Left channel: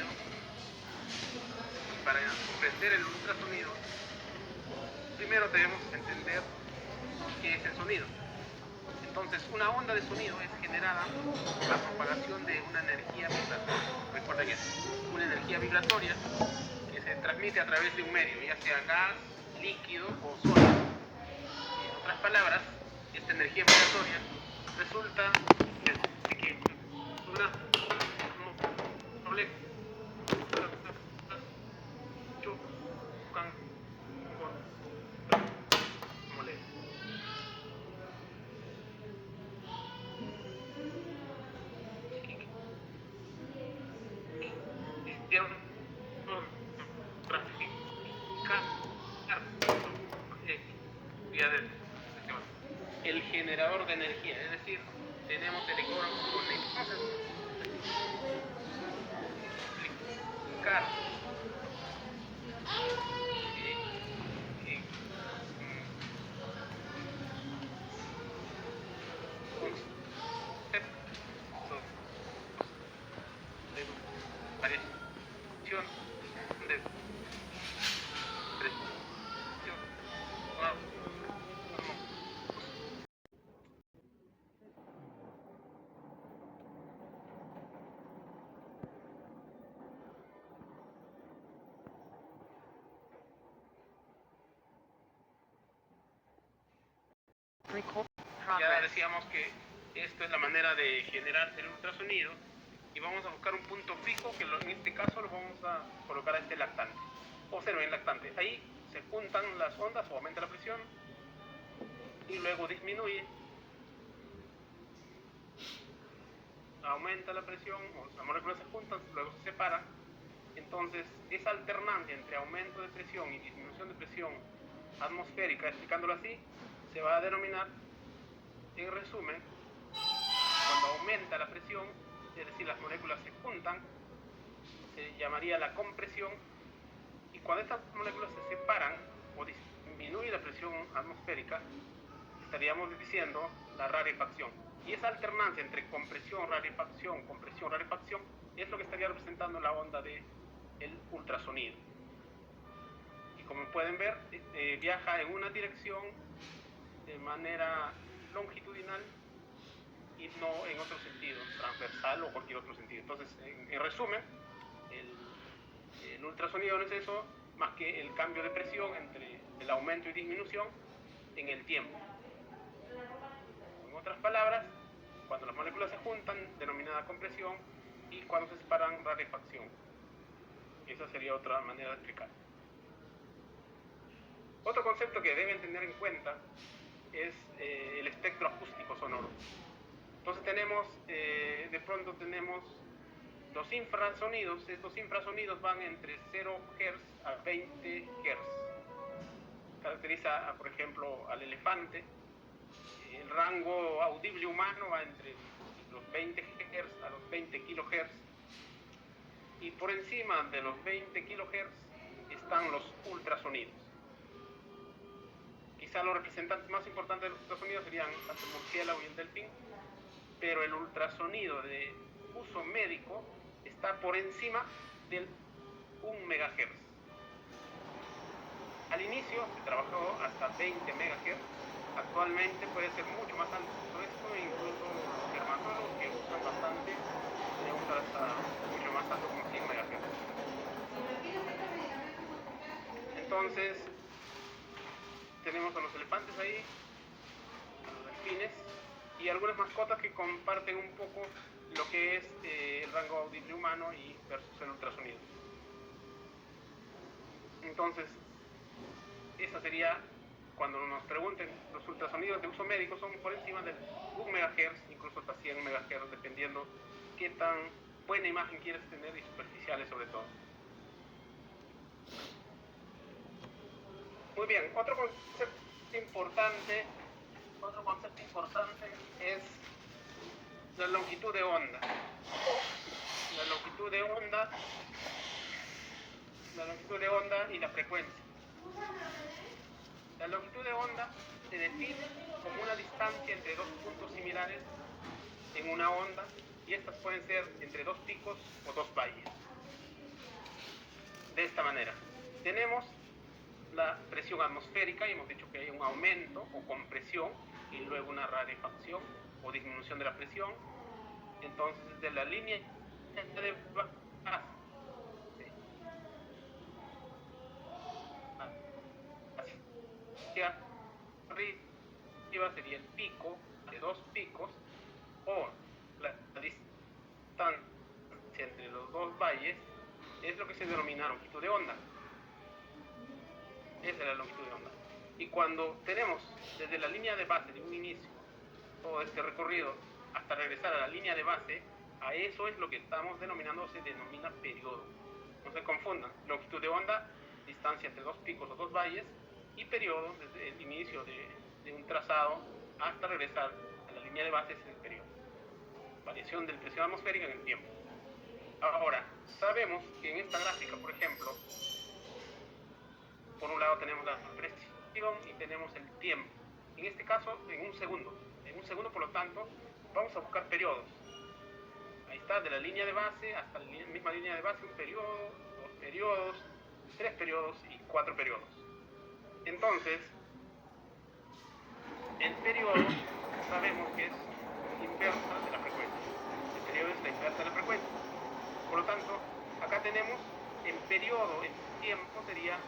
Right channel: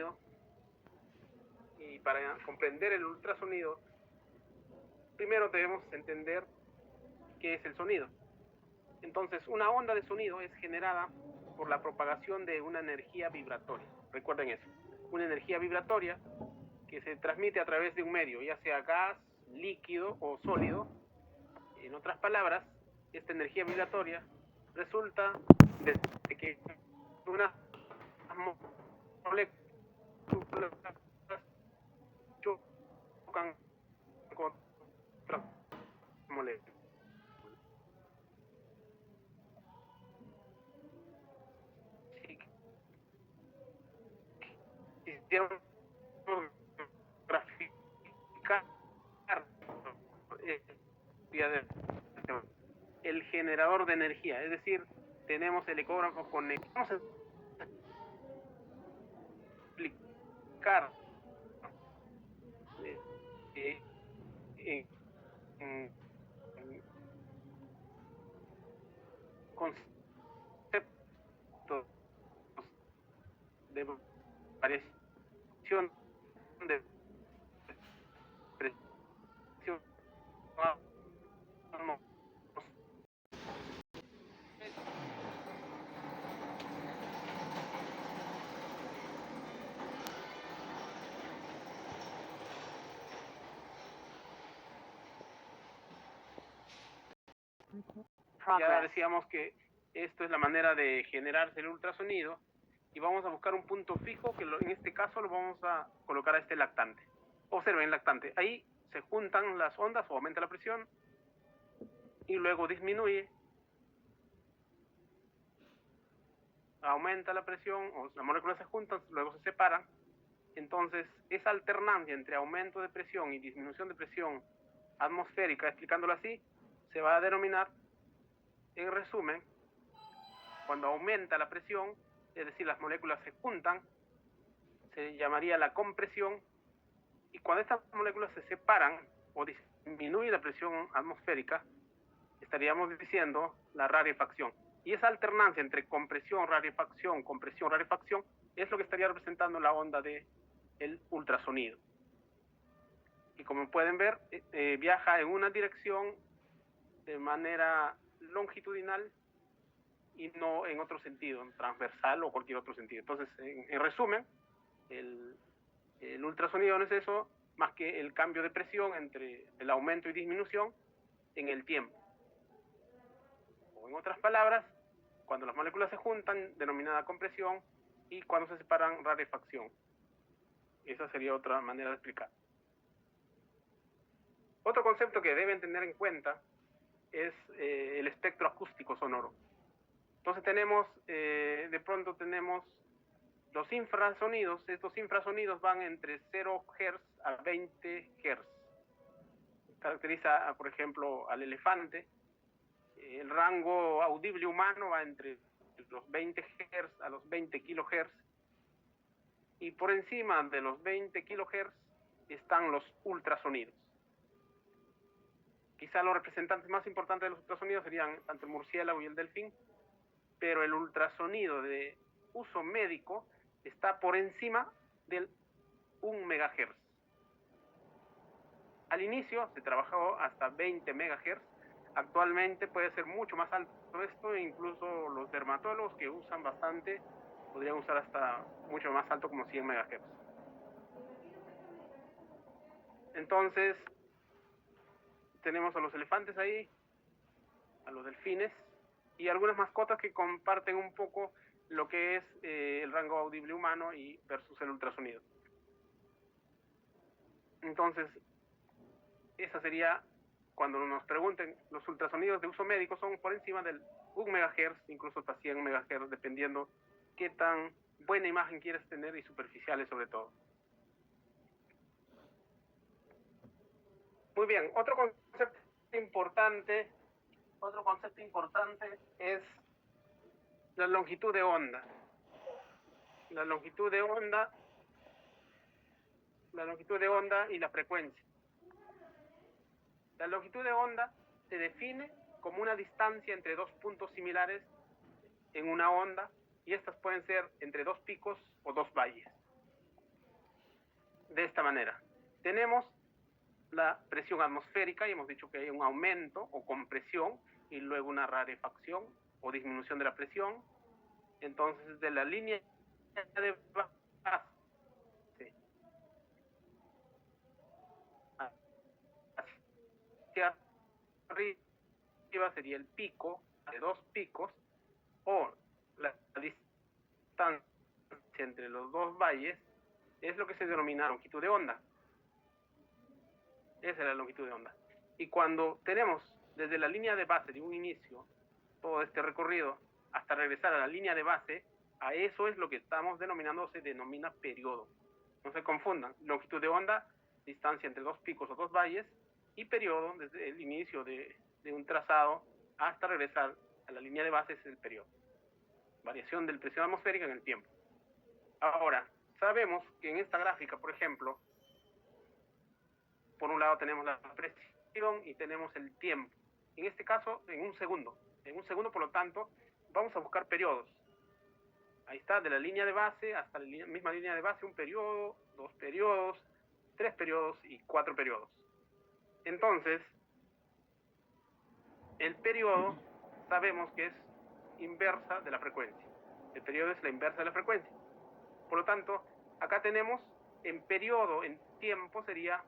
ultrasonido, y para comprender el ultrasonido, primero debemos entender qué es el sonido. Entonces, una onda de sonido es generada por la propagación de una energía vibratoria. Recuerden eso, una energía vibratoria que se transmite a través de un medio, ya sea gas, líquido o sólido. En otras palabras, esta energía vibratoria resulta de que una molécula chocan con moléculas. Hicieron graficar el generador de energía, es decir, tenemos el ecógrafo con el... Vamos a explicar concepto de variación de presión. Ya decíamos que esto es la manera de generar el ultrasonido y vamos a buscar un punto fijo que en este caso lo vamos a colocar a este lactante. Observen el lactante, ahí se juntan las ondas o aumenta la presión y luego disminuye, aumenta la presión, o las moléculas se juntan, luego se separan. Entonces esa alternancia entre aumento de presión y disminución de presión atmosférica, explicándolo así, se va a denominar, en resumen, cuando aumenta la presión, es decir, las moléculas se juntan, se llamaría la compresión, y cuando estas moléculas se separan o disminuye la presión atmosférica, estaríamos diciendo la rarefacción. Y esa alternancia entre compresión, rarefacción, es lo que estaría representando la onda del ultrasonido. Y como pueden ver, viaja en una dirección de manera longitudinal y no en otro sentido, transversal o cualquier otro sentido. Entonces, en resumen, el ultrasonido no es eso más que el cambio de presión entre el aumento y disminución en el tiempo. O en otras palabras, cuando las moléculas se juntan, denominada compresión, y cuando se separan, rarefacción. Esa sería otra manera de explicar. Otro concepto que deben tener en cuenta es el espectro acústico sonoro. Entonces de pronto tenemos los infrasonidos. Estos infrasonidos van entre 0 Hz a 20 Hz. Caracteriza, por ejemplo, al elefante. El rango audible humano va entre los 20 Hz a los 20 kHz. Y por encima de los 20 kHz están los ultrasonidos. Quizá los representantes más importantes de los ultrasonidos serían tanto el murciélago y el delfín, pero el ultrasonido de uso médico está por encima del 1 MHz. Al inicio se trabajó hasta 20 MHz, actualmente puede ser mucho más alto esto, incluso los dermatólogos que usan bastante podrían usar hasta mucho más alto, como 100 MHz. Entonces tenemos a los elefantes ahí, a los delfines y algunas mascotas que comparten un poco lo que es el rango audible humano y versus el ultrasonido. Entonces, esa sería, cuando nos pregunten, los ultrasonidos de uso médico son por encima del 1 MHz, incluso hasta 100 MHz, dependiendo qué tan buena imagen quieres tener y superficiales sobre todo. Muy bien, otro concepto importante es la longitud de onda. La longitud de onda y la frecuencia. La longitud de onda se define como una distancia entre dos puntos similares en una onda, y estas pueden ser entre dos picos o dos valles. de esta manera. Tenemos la presión atmosférica y hemos dicho que hay un aumento o compresión y luego una rarefacción o disminución de la presión. Entonces, de la línea de base hacia arriba sería el pico de dos picos, o la distancia entre los dos valles es lo que se denomina longitud de onda. Esa es la longitud de onda. Y cuando tenemos desde la línea de base de un inicio todo este recorrido hasta regresar a la línea de base, a eso es lo que estamos denominando, se denomina periodo. No se confundan, longitud de onda, distancia entre dos picos o dos valles, y periodo, desde el inicio de un trazado hasta regresar a la línea de base, es el periodo. Variación de la presión atmosférica en el tiempo. Ahora, sabemos que en esta gráfica, por ejemplo, por un lado tenemos la presión y tenemos el tiempo. En este caso, en un segundo. En un segundo, por lo tanto, vamos a buscar periodos. Ahí está, de la línea de base hasta la misma línea de base, un periodo, dos periodos, tres periodos y cuatro periodos. Entonces, el periodo sabemos que es inversa de la frecuencia. El periodo es la inversa de la frecuencia. Por lo tanto, acá tenemos en periodo, en tiempo, sería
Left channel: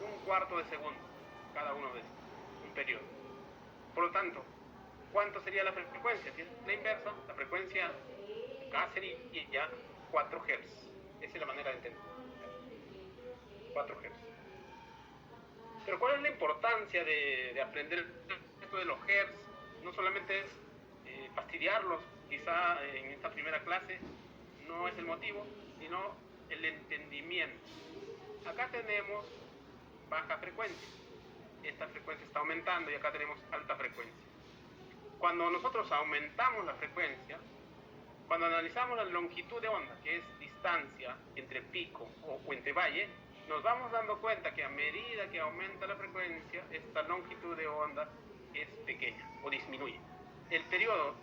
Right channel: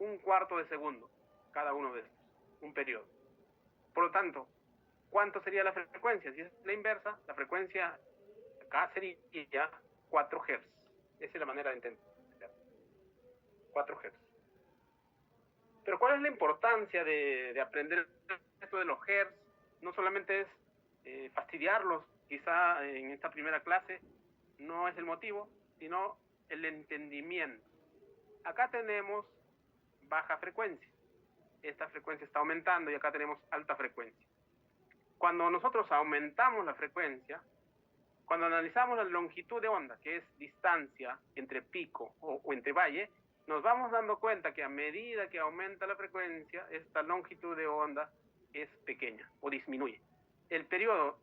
un cuarto de segundo, cada uno de estos, un periodo. Por lo tanto, ¿cuánto sería la frecuencia? Si es la inversa, la frecuencia acá sería 4 Hz. Esa es la manera de entender. 4 Hz. Pero ¿cuál es la importancia de aprender esto de los Hz? No solamente es fastidiarlos, quizá en esta primera clase no es el motivo, sino el entendimiento. Acá tenemos baja frecuencia. Esta frecuencia está aumentando y acá tenemos alta frecuencia. Cuando nosotros aumentamos la frecuencia, cuando analizamos la longitud de onda, que es distancia entre pico o entre valle, nos vamos dando cuenta que a medida que aumenta la frecuencia, esta longitud de onda es pequeña o disminuye. El periodo,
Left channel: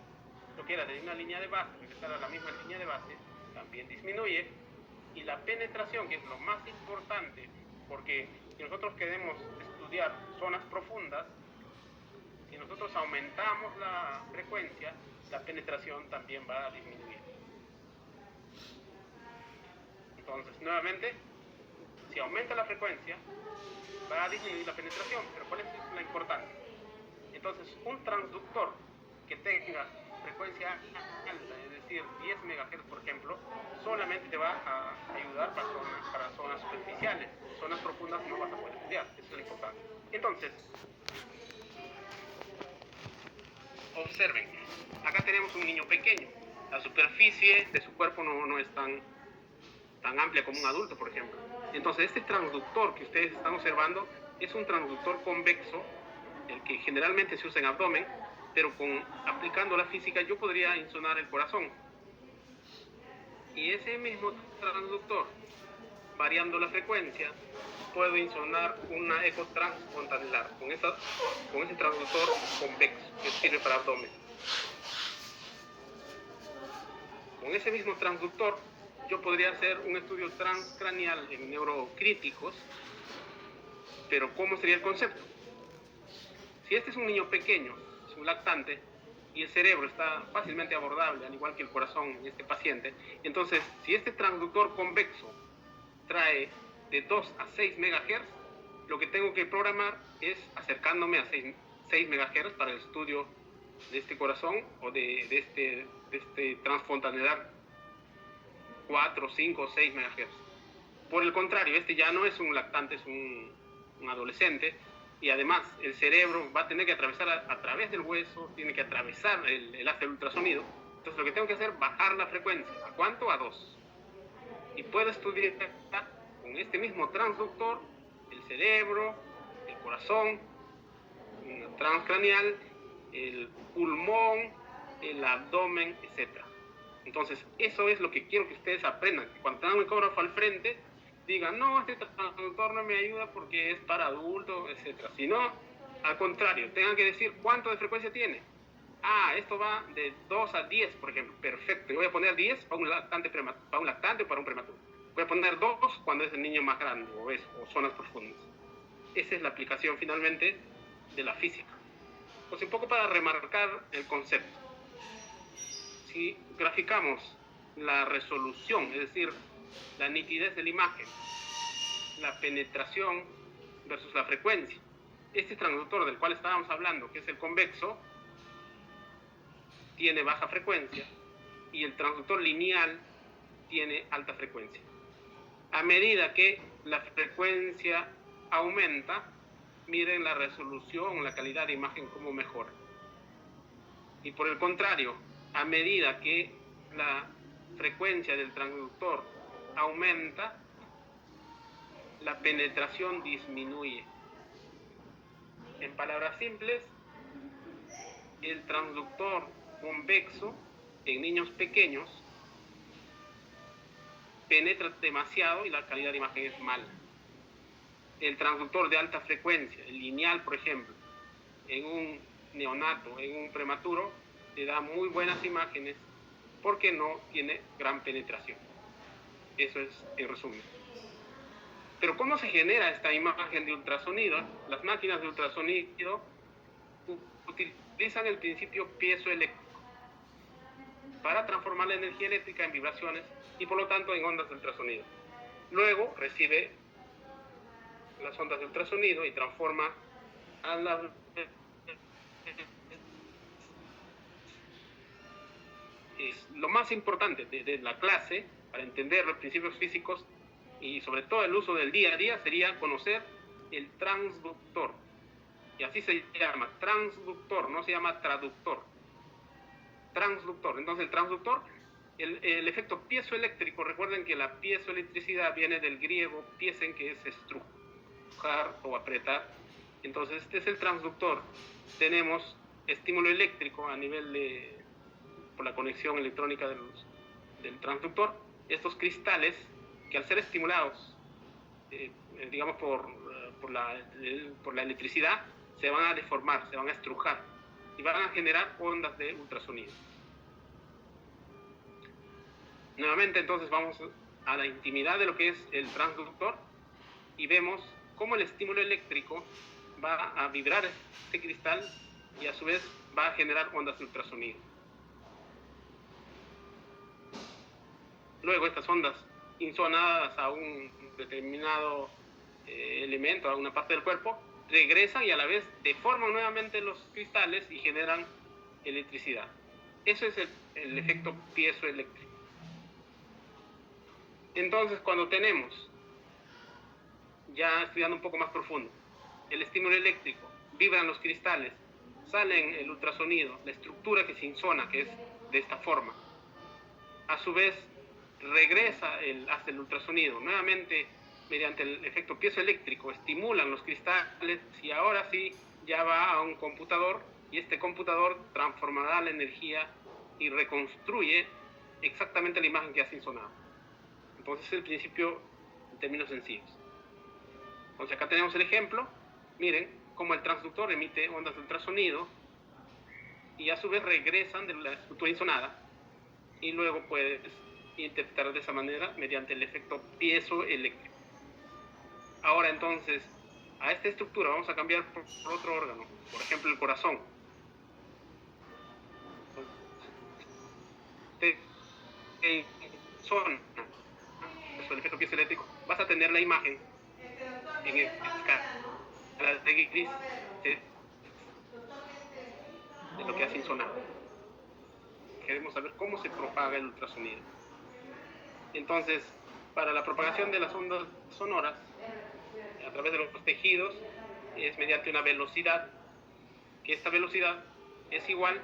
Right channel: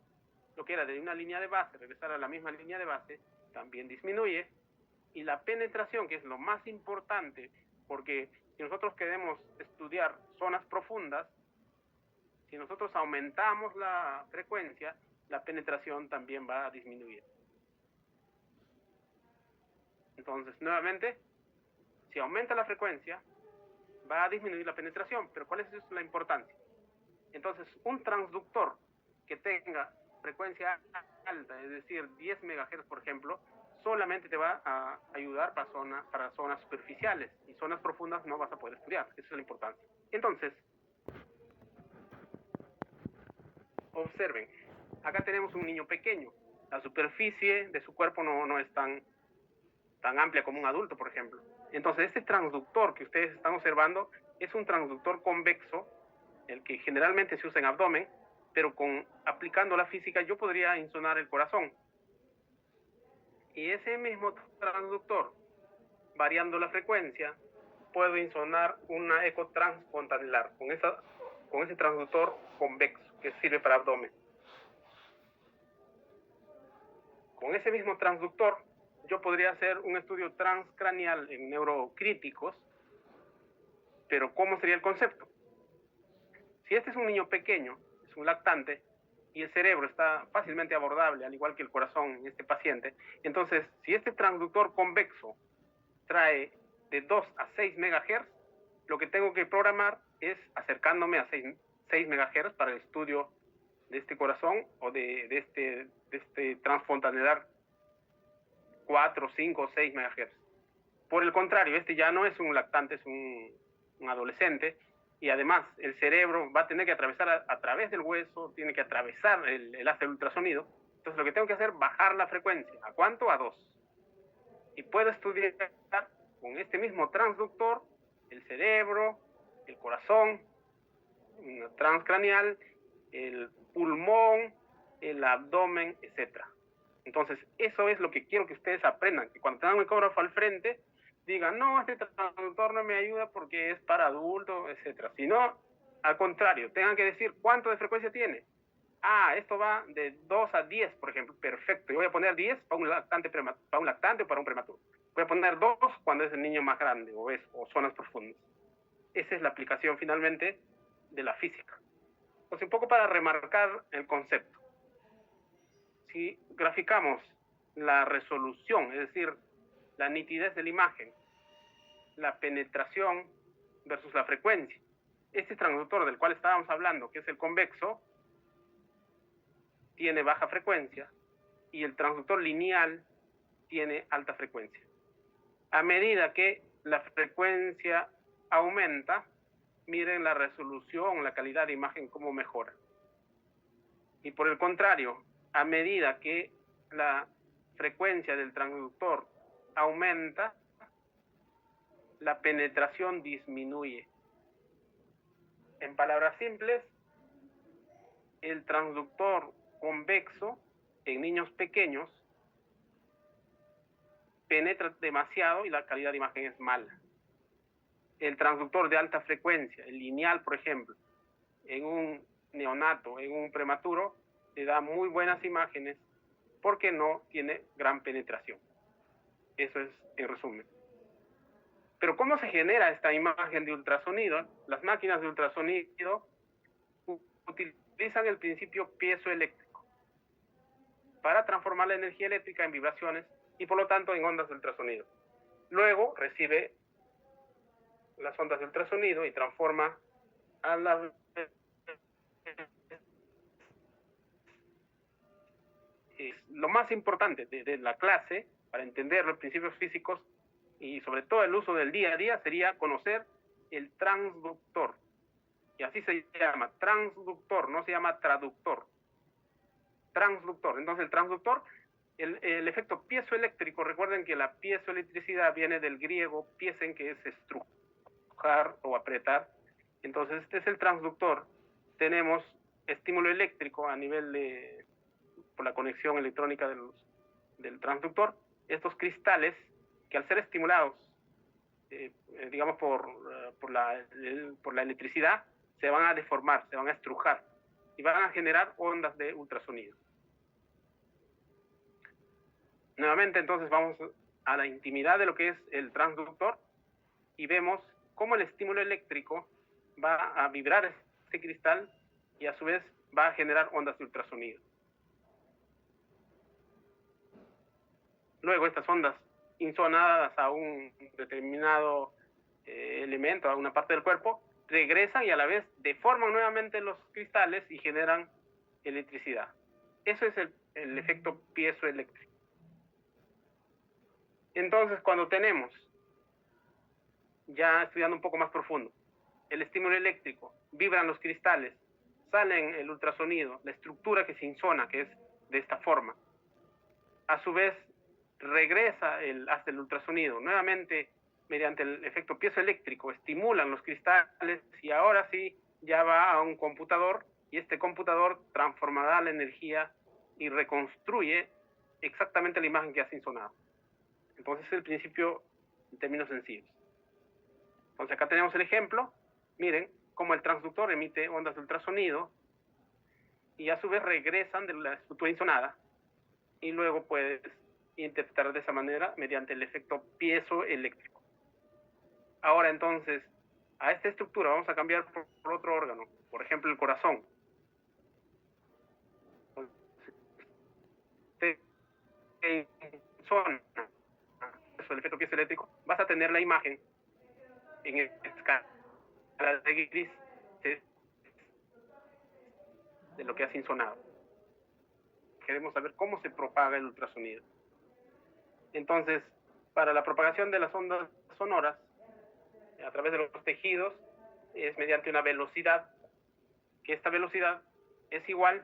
lo que era de una línea de base, regresar a la misma línea de base, también disminuye. Y la penetración, que es lo más importante, porque si nosotros queremos estudiar zonas profundas, si nosotros aumentamos la frecuencia, la penetración también va a disminuir. Entonces, nuevamente, si aumenta la frecuencia, va a disminuir la penetración. Pero ¿cuál es la importancia? Entonces, un transductor que tenga frecuencia alta, es decir, 10 MHz, por ejemplo, solamente te va a ayudar para zonas superficiales. En zonas profundas no vas a poder estudiar. Esa es la importancia. Entonces, observen, acá tenemos un niño pequeño. La superficie de su cuerpo no es tan amplia como un adulto, por ejemplo. Entonces, este transductor que ustedes están observando es un transductor convexo, el que generalmente se usa en abdomen, pero aplicando la física yo podría insonar el corazón. Y ese mismo transductor, variando la frecuencia, puedo insonar una eco transfontanelar con ese transductor convexo que sirve para abdomen. Con ese mismo transductor yo podría hacer un estudio transcraneal en neurocríticos, pero ¿cómo sería el concepto? Si este es un niño pequeño, es un lactante, y el cerebro está fácilmente abordable, al igual que el corazón en este paciente, entonces, si este transductor convexo trae de 2 a 6 MHz, lo que tengo que programar es acercándome a 6 MHz para el estudio de este corazón o de este transfontanelar 4, 5 o 6 MHz. Por el contrario, este ya no es un lactante, es un adolescente, y además el cerebro va a tener que atravesar a través del hueso, tiene que atravesar el haz del ultrasonido. Entonces lo que tengo que hacer es bajar la frecuencia. ¿A cuánto? A 2. Y puedo estudiar con este mismo transductor el cerebro, el corazón, transcraneal, el pulmón, el abdomen, etc. Entonces eso es lo que quiero que ustedes aprendan, que cuando tengan un ecógrafo al frente digan, no, este transductor no me ayuda porque es para adultos, etc. Sino, al contrario, tengan que decir cuánto de frecuencia tiene. Ah, esto va de 2 a 10, por ejemplo. Perfecto, yo voy a poner 10 para un lactante o para un prematuro. Voy a poner 2 cuando es el niño más grande, o zonas profundas. Esa es la aplicación finalmente de la física. Entonces, un poco para remarcar el concepto. Si graficamos la resolución, es decir, la nitidez de la imagen, la penetración versus la frecuencia, este transductor del cual estábamos hablando, que es el convexo, tiene baja frecuencia y el transductor lineal tiene alta frecuencia. A medida que la frecuencia aumenta, miren la resolución, la calidad de imagen cómo mejora. Y por el contrario, a medida que la frecuencia del transductor aumenta, la penetración disminuye. En palabras simples, el transductor convexo en niños pequeños penetra demasiado y la calidad de imagen es mala. El transductor de alta frecuencia, el lineal, por ejemplo, en un neonato, en un prematuro, le da muy buenas imágenes porque no tiene gran penetración. Eso es en resumen. Pero ¿cómo se genera esta imagen de ultrasonido? Las máquinas de ultrasonido utilizan el principio piezoeléctrico para transformar la energía eléctrica en vibraciones y por lo tanto en ondas de ultrasonido. Luego recibe las ondas de ultrasonido y transforma a la... Es lo más importante de la clase para entender los principios físicos y sobre todo el uso del día a día sería conocer el transductor. Y así se llama, transductor, no se llama traductor. Transductor. Entonces el transductor, el efecto piezoeléctrico, recuerden que la piezoelectricidad viene del griego piesen, que es estrujar o apretar. Entonces este es el transductor. Tenemos estímulo eléctrico a nivel por la conexión electrónica del transductor. Estos cristales que al ser estimulados, digamos por la electricidad, se van a deformar, se van a estrujar y van a generar ondas de ultrasonido. Nuevamente entonces vamos a la intimidad de lo que es el transductor y vemos cómo el estímulo eléctrico va a vibrar este cristal y a su vez va a generar ondas de ultrasonido. Luego estas ondas insonadas a un determinado elemento, a una parte del cuerpo, regresan y a la vez deforman nuevamente los cristales y generan electricidad. Eso es el efecto piezoeléctrico. Entonces, cuando tenemos, ya estudiando un poco más profundo, el estímulo eléctrico, vibran los cristales, salen el ultrasonido, la estructura que se insona, que es de esta forma, a su vez regresa hasta el ultrasonido, nuevamente mediante el efecto piezoeléctrico, estimulan los cristales y ahora sí ya va a un computador y este computador transformará la energía y reconstruye exactamente la imagen que ha insonado. Entonces es el principio en términos sencillos. Entonces acá tenemos el ejemplo, miren cómo el transductor emite ondas de ultrasonido y a su vez regresan de la estructura insonada y luego puedes interpretar de esa manera mediante el efecto piezoeléctrico. Ahora entonces, a esta estructura vamos a cambiar por otro órgano, por ejemplo el corazón. El efecto piezoeléctrico, vas a tener la imagen en escala de gris de lo que hace insonado. Queremos saber cómo se propaga el ultrasonido. Entonces, para la propagación de las ondas sonoras a través de los tejidos es mediante una velocidad, que esta velocidad es igual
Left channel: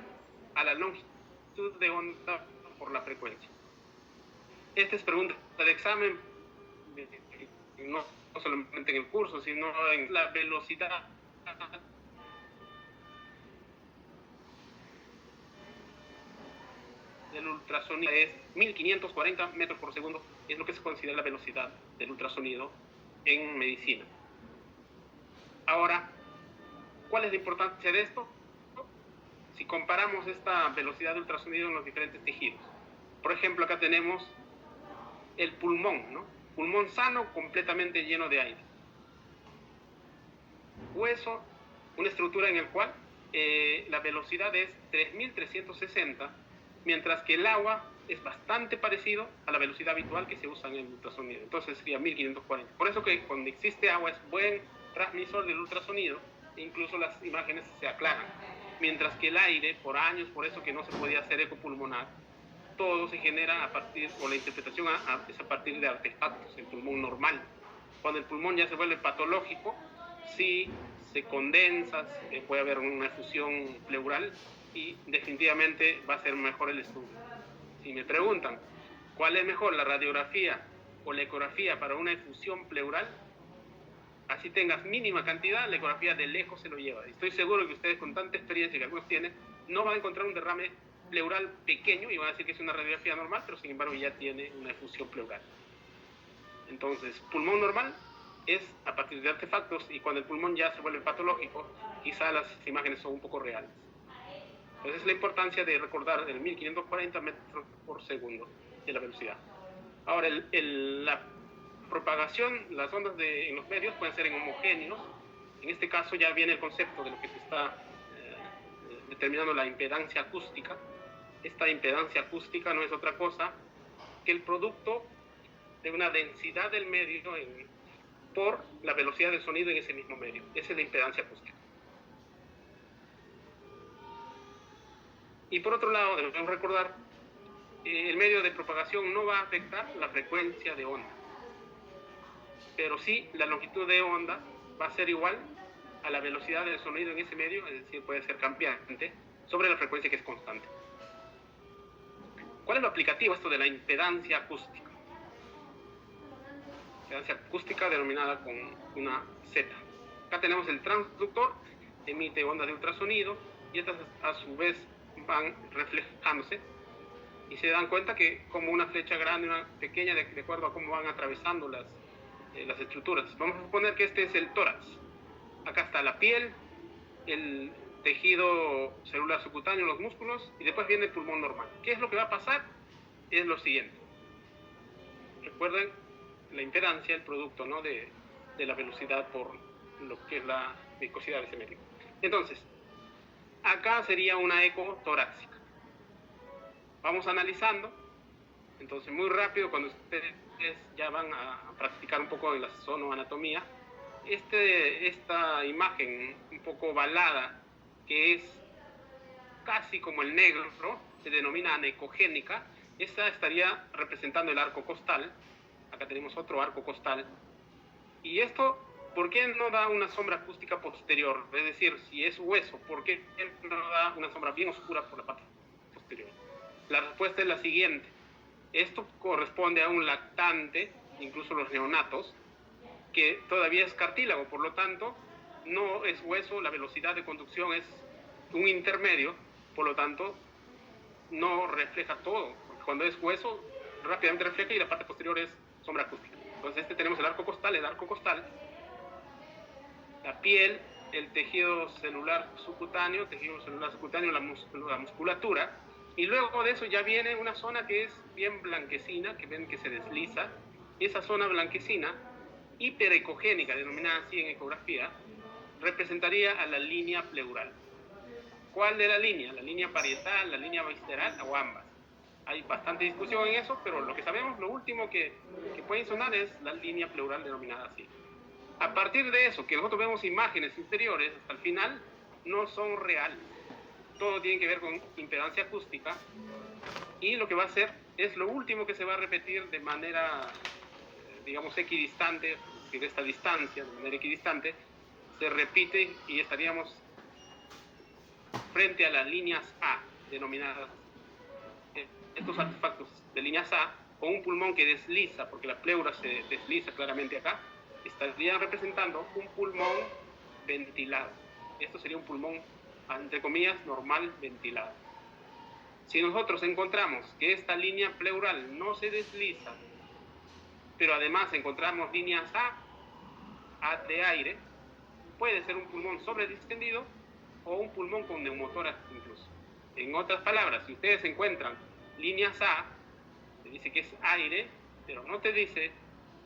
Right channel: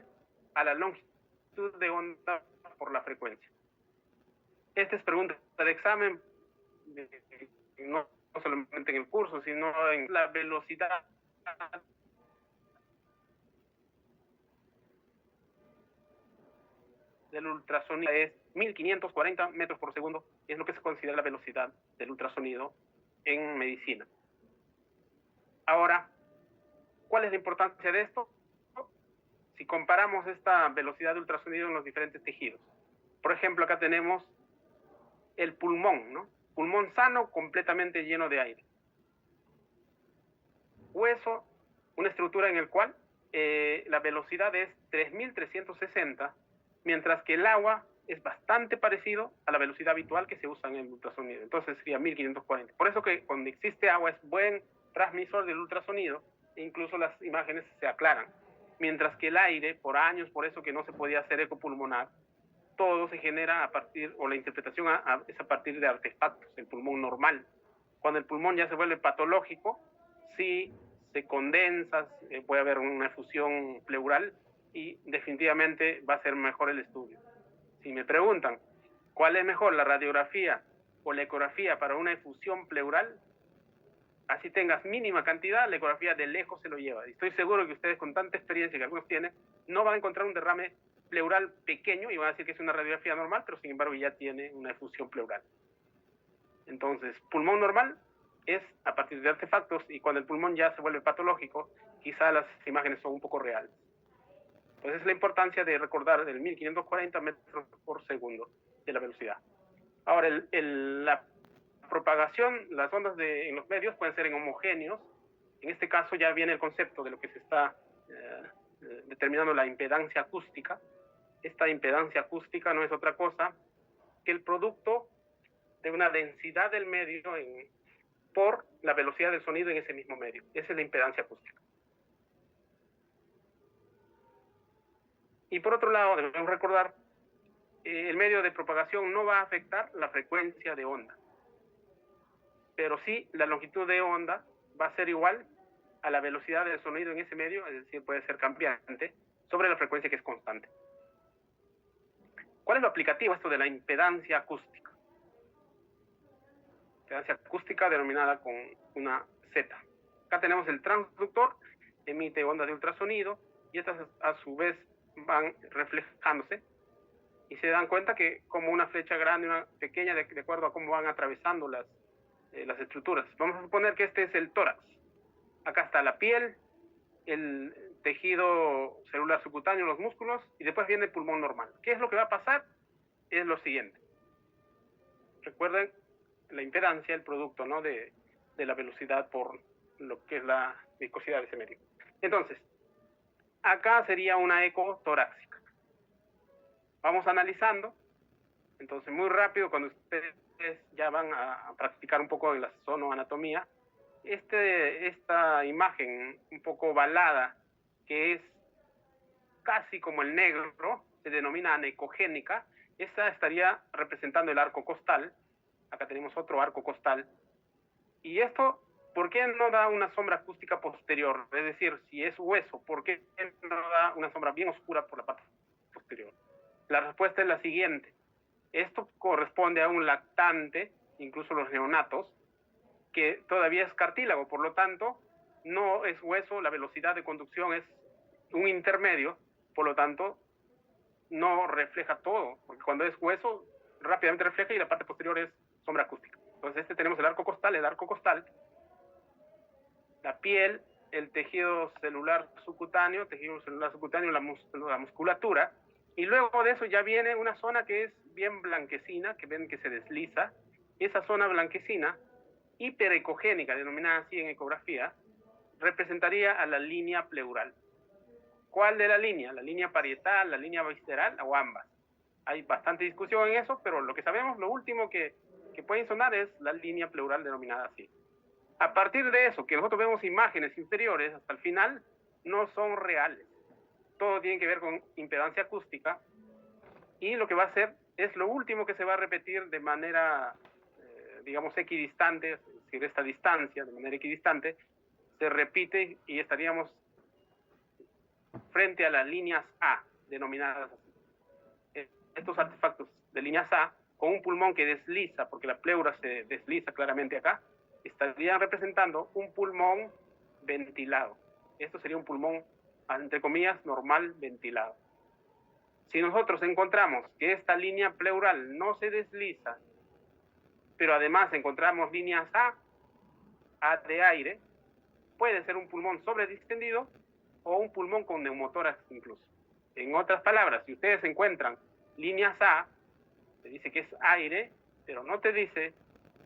a la longitud de onda por la frecuencia. Esta es pregunta de examen, no solamente en el curso, sino en la velocidad del ultrasonido es 1540 metros por segundo, es lo que se considera la velocidad del ultrasonido en medicina. Ahora, ¿cuál es la importancia de esto? Si comparamos esta velocidad de ultrasonido en los diferentes tejidos. Por ejemplo, acá tenemos el pulmón, ¿no? Pulmón sano, completamente lleno de aire. Hueso, una estructura en el cual la velocidad es 3360, mientras que el agua es bastante parecido a la velocidad habitual que se usa en el ultrasonido. Entonces sería 1540. Por eso que cuando existe agua es buen transmisor del ultrasonido e incluso las imágenes se aclaran. Mientras que el aire, por años, por eso que no se podía hacer eco pulmonar, todo se genera a partir, o la interpretación es a partir de artefactos, el pulmón normal. Cuando el pulmón ya se vuelve patológico, sí se condensa, puede haber una efusión pleural y definitivamente va a ser mejor el estudio. Si me preguntan, ¿cuál es mejor, la radiografía o la ecografía para una efusión pleural? Así tengas mínima cantidad, la ecografía de lejos se lo lleva. Y estoy seguro que ustedes, con tanta experiencia que algunos tienen, no van a encontrar un derrame pleural pequeño y van a decir que es una radiografía normal, pero sin embargo ya tiene una efusión pleural. Entonces, pulmón normal es a partir de artefactos, y cuando el pulmón ya se vuelve patológico, quizá las imágenes son un poco reales. Entonces, es la importancia de recordar el 1540 metros por segundo de la velocidad. Ahora, la propagación, las ondas en los medios pueden ser en homogéneos. En este caso ya viene el concepto de lo que se está determinando, la impedancia acústica. Esta impedancia acústica no es otra cosa que el producto de una densidad del medio por la velocidad del sonido en ese mismo medio. Esa es la impedancia acústica. Y por otro lado, debemos recordar, el medio de propagación no va a afectar la frecuencia de onda, pero sí la longitud de onda va a ser igual a la velocidad del sonido en ese medio, es decir, puede ser cambiante sobre la frecuencia que es constante. ¿Cuál es lo aplicativo esto de la impedancia acústica? Impedancia acústica denominada con una Z. Acá tenemos el transductor, emite ondas de ultrasonido y estas a su vez van reflejándose, y se dan cuenta que como una flecha grande y una pequeña, de acuerdo a cómo van atravesando las estructuras. Vamos a suponer que este es el tórax. Acá está la piel, el tejido celular subcutáneo, los músculos, y después viene el pulmón normal. ¿Qué es lo que va a pasar? Es lo siguiente. Recuerden la impedancia, el producto, ¿no?, de la velocidad por lo que es la viscosidad de ese medio. Entonces, acá sería una eco torácica. Vamos analizando. Entonces, muy rápido, cuando ustedes ya van a practicar un poco en la sonoanatomía, esta imagen un poco ovalada, que es casi como el negro, se denomina anecogénica. Esta estaría representando el arco costal. Acá tenemos otro arco costal. Y esto, ¿por qué no da una sombra acústica posterior? Es decir, si es hueso, ¿por qué no da una sombra bien oscura por la parte posterior? La respuesta es la siguiente. Esto corresponde a un lactante, incluso los neonatos, que todavía es cartílago, por lo tanto, no es hueso, la velocidad de conducción es un intermedio, por lo tanto, no refleja todo, porque cuando es hueso, rápidamente refleja y la parte posterior es sombra acústica. Entonces, tenemos el arco costal, la piel, el tejido celular subcutáneo, la musculatura, y luego de eso ya viene una zona que es bien blanquecina, que ven que se desliza. Esa zona blanquecina, hiperecogénica, denominada así en ecografía, representaría a la línea pleural. ¿Cuál de la línea? ¿La línea parietal, la línea visceral o ambas? Hay bastante discusión en eso, pero lo que sabemos, lo último que pueden sonar es la línea pleural denominada así. A partir de eso, que nosotros vemos imágenes inferiores hasta el final, no son reales. Todo tiene que ver con impedancia acústica, y lo que va a hacer es lo último que se va a repetir de manera, digamos, equidistante, es decir, esta distancia de manera equidistante se repite y estaríamos frente a las líneas A, denominadas estos artefactos de líneas A, con un pulmón que desliza, porque la pleura se desliza claramente acá, estarían representando un pulmón ventilado. Esto sería un pulmón, entre comillas, normal ventilado. Si nosotros encontramos que esta línea pleural no se desliza, pero además encontramos líneas A de aire, puede ser un pulmón sobredistendido o un pulmón con neumotórax incluso. En otras palabras, si ustedes encuentran líneas A, te dice que es aire, pero no te dice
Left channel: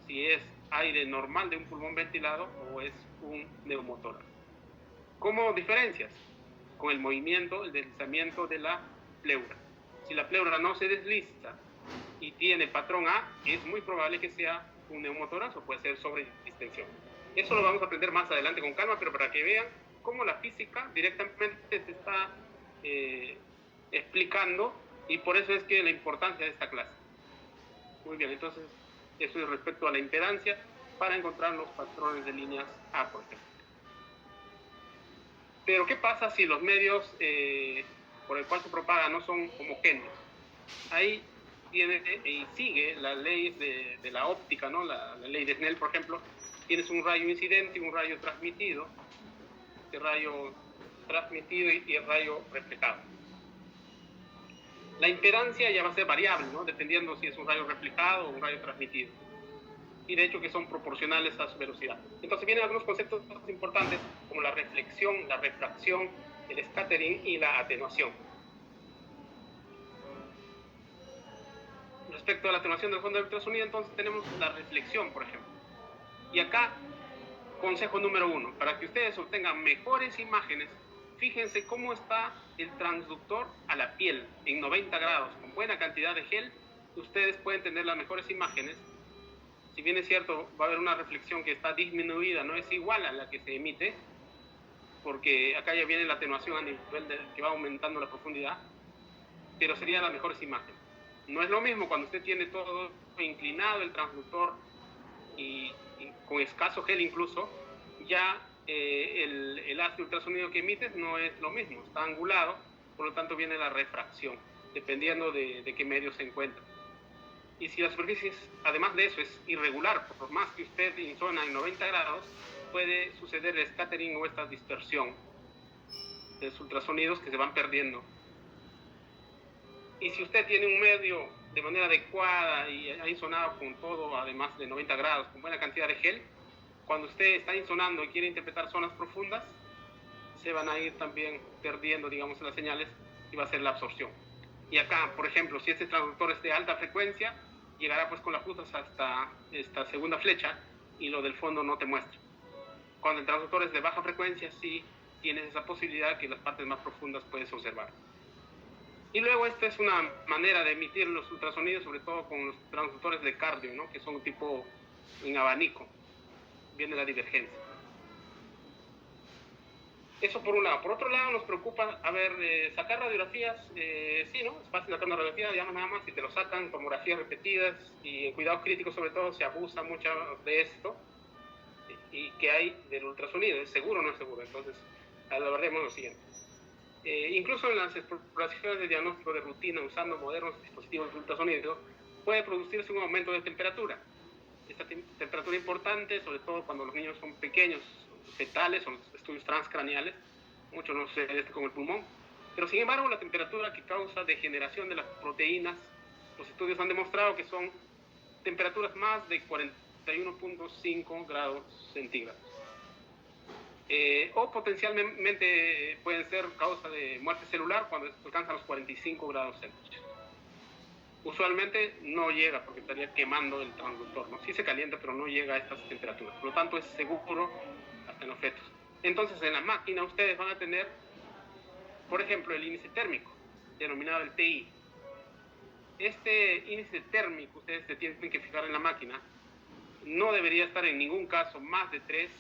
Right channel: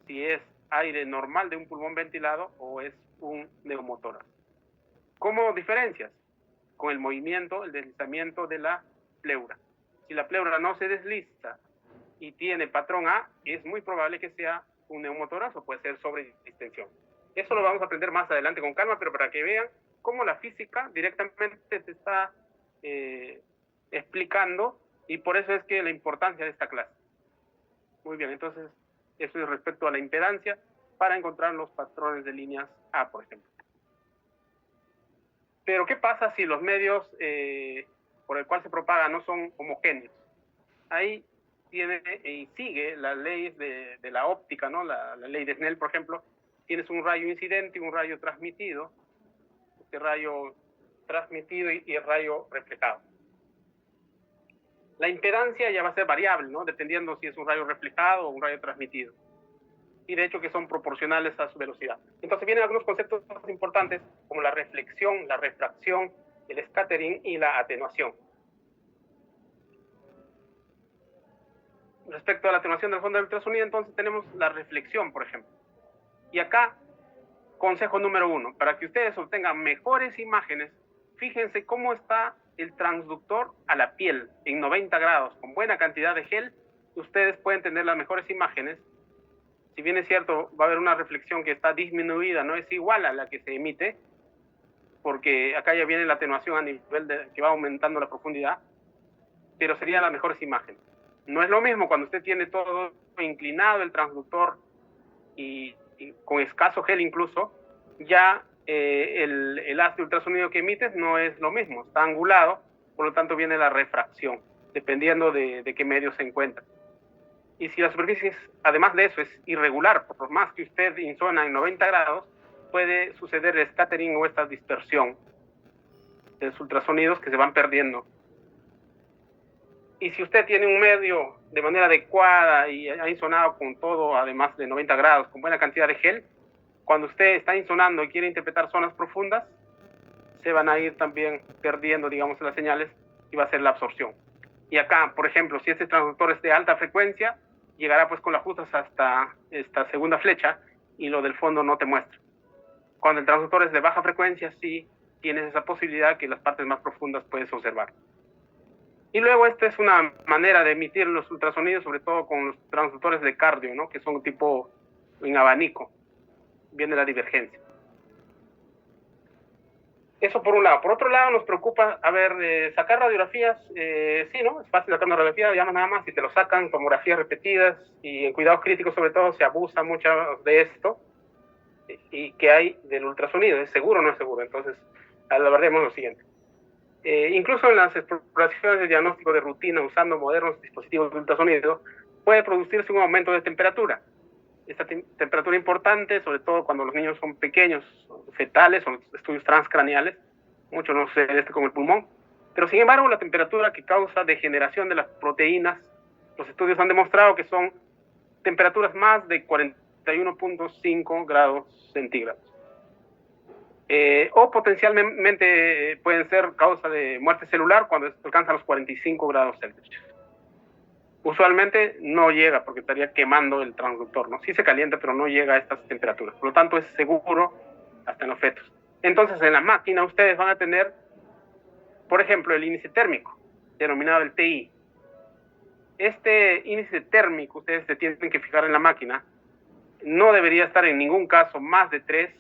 si es aire normal de un pulmón ventilado o es un neumotórax. ¿Cómo diferencias? Con el movimiento, el deslizamiento de la pleura. Si la pleura no se desliza y tiene patrón A, es muy probable que sea un neumotórax o puede ser sobredistensión. Eso lo vamos a aprender más adelante con calma, pero para que vean cómo la física directamente se está explicando, y por eso es que la importancia de esta clase. Muy bien, entonces eso es respecto a la impedancia para encontrar los patrones de líneas A, por ejemplo. Pero ¿qué pasa si los medios por el cual se propaga no son homogéneos? Ahí tiene y sigue la ley de la óptica, ¿no? La ley de Snell, por ejemplo. Tienes un rayo incidente y un rayo transmitido. Este rayo transmitido y el rayo reflejado. La impedancia ya va a ser variable, ¿no? Dependiendo si es un rayo reflejado o un rayo transmitido. Y de hecho que son proporcionales a su velocidad. Entonces vienen algunos conceptos importantes como la reflexión, la refracción, el scattering y la atenuación. Respecto a la atenuación del fondo del ultrasonido, entonces tenemos la reflexión, por ejemplo. Y acá, consejo número 1, para que ustedes obtengan mejores imágenes, fíjense cómo está el transductor a la piel en 90 grados, con buena cantidad de gel. Ustedes pueden tener las mejores imágenes. Si bien es cierto, va a haber una reflexión que está disminuida, no es igual a la que se emite, porque acá ya viene la atenuación a nivel de que va aumentando la profundidad, pero serían las mejores imágenes. No es lo mismo cuando usted tiene todo inclinado el transductor y con escaso gel incluso, ya el haz de ultrasonido que emites no es lo mismo, está angulado, por lo tanto viene la refracción, dependiendo de qué medio se encuentra. Y si la superficie, además de eso, es irregular, por más que usted insona en 90 grados, puede suceder el scattering o esta dispersión de los ultrasonidos que se van perdiendo. Y si usted tiene un medio de manera adecuada y ha insonado con todo, además de 90 grados, con buena cantidad de gel, cuando usted está insonando y quiere interpretar zonas profundas, se van a ir también perdiendo, digamos, las señales y va a ser la absorción. Y acá, por ejemplo, si este transductor es de alta frecuencia, llegará pues con las justas hasta esta segunda flecha y lo del fondo no te muestra. Cuando el transductor es de baja frecuencia, sí tienes esa posibilidad que las partes más profundas puedes observar. Y luego esta es una manera de emitir los ultrasonidos, sobre todo con los transductores de cardio, ¿no? Que son tipo en abanico. Viene la divergencia. Eso por un lado. Por otro lado, nos preocupa, sacar radiografías, sí, ¿no? Es fácil sacar una radiografía, ya no nada más, si te lo sacan, tomografías repetidas, y en cuidados críticos sobre todo se abusa mucho de esto, y que hay del ultrasonido, ¿es seguro o no es seguro? Entonces, hablaremos lo siguiente. Incluso en las exploraciones de diagnóstico de rutina usando modernos dispositivos de ultrasonido, puede producirse un aumento de temperatura. Esta temperatura importante, sobre todo cuando los niños son pequeños, fetales, son estudios transcraneales, mucho no sucede con el pulmón, pero sin embargo la temperatura que causa degeneración de las proteínas, los estudios han demostrado que son temperaturas más de 41.5 grados centígrados. O potencialmente pueden ser causa de muerte celular cuando alcanzan los 45 grados Celsius. Usualmente no llega porque estaría quemando el transductor, ¿no? Sí se calienta, pero no llega a estas temperaturas. Por lo tanto, es seguro hasta en los fetos. Entonces, en la máquina ustedes van a tener, por ejemplo, el índice térmico, denominado el TI. Este índice térmico, ustedes se tienen que fijar en la máquina, no debería estar en ningún caso más de 3,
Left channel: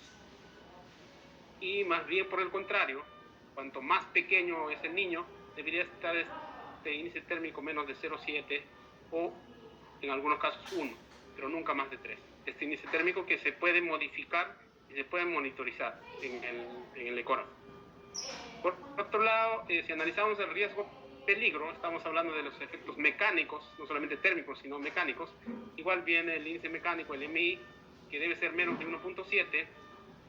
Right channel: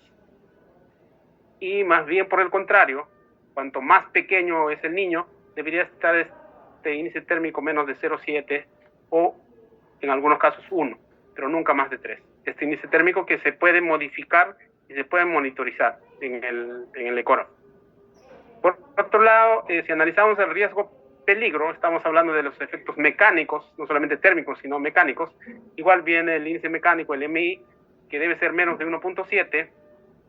y más bien por el contrario, cuanto más pequeño es el niño, debería estar este índice térmico menos de 0,7 o en algunos casos 1, pero nunca más de 3. Este índice térmico que se puede modificar y se puede monitorizar en el ecógrafo. Por otro lado, si analizamos el riesgo peligro, estamos hablando de los efectos mecánicos, no solamente térmicos, sino mecánicos. Igual viene el índice mecánico, el MI, que debe ser menos de 1.7,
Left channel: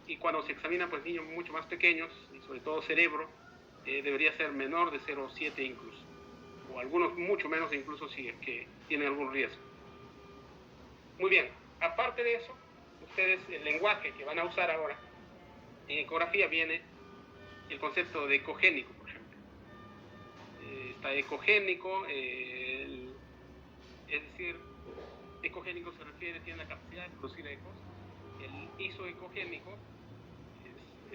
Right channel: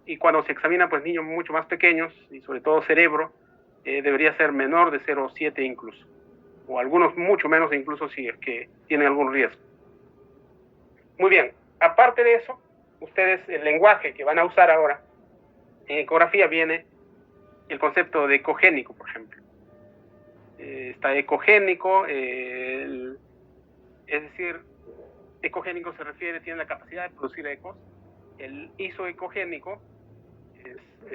y cuando se examinan pues niños mucho más pequeños, y sobre todo cerebro, debería ser menor de 0,7 incluso, o algunos mucho menos incluso si es que tienen algún riesgo. Muy bien, aparte de eso, ustedes el lenguaje que van a usar ahora en ecografía viene el concepto de ecogénico, por ejemplo. Está ecogénico, es decir, ecogénico se refiere, tiene la capacidad de producir ecos. El isoecogénico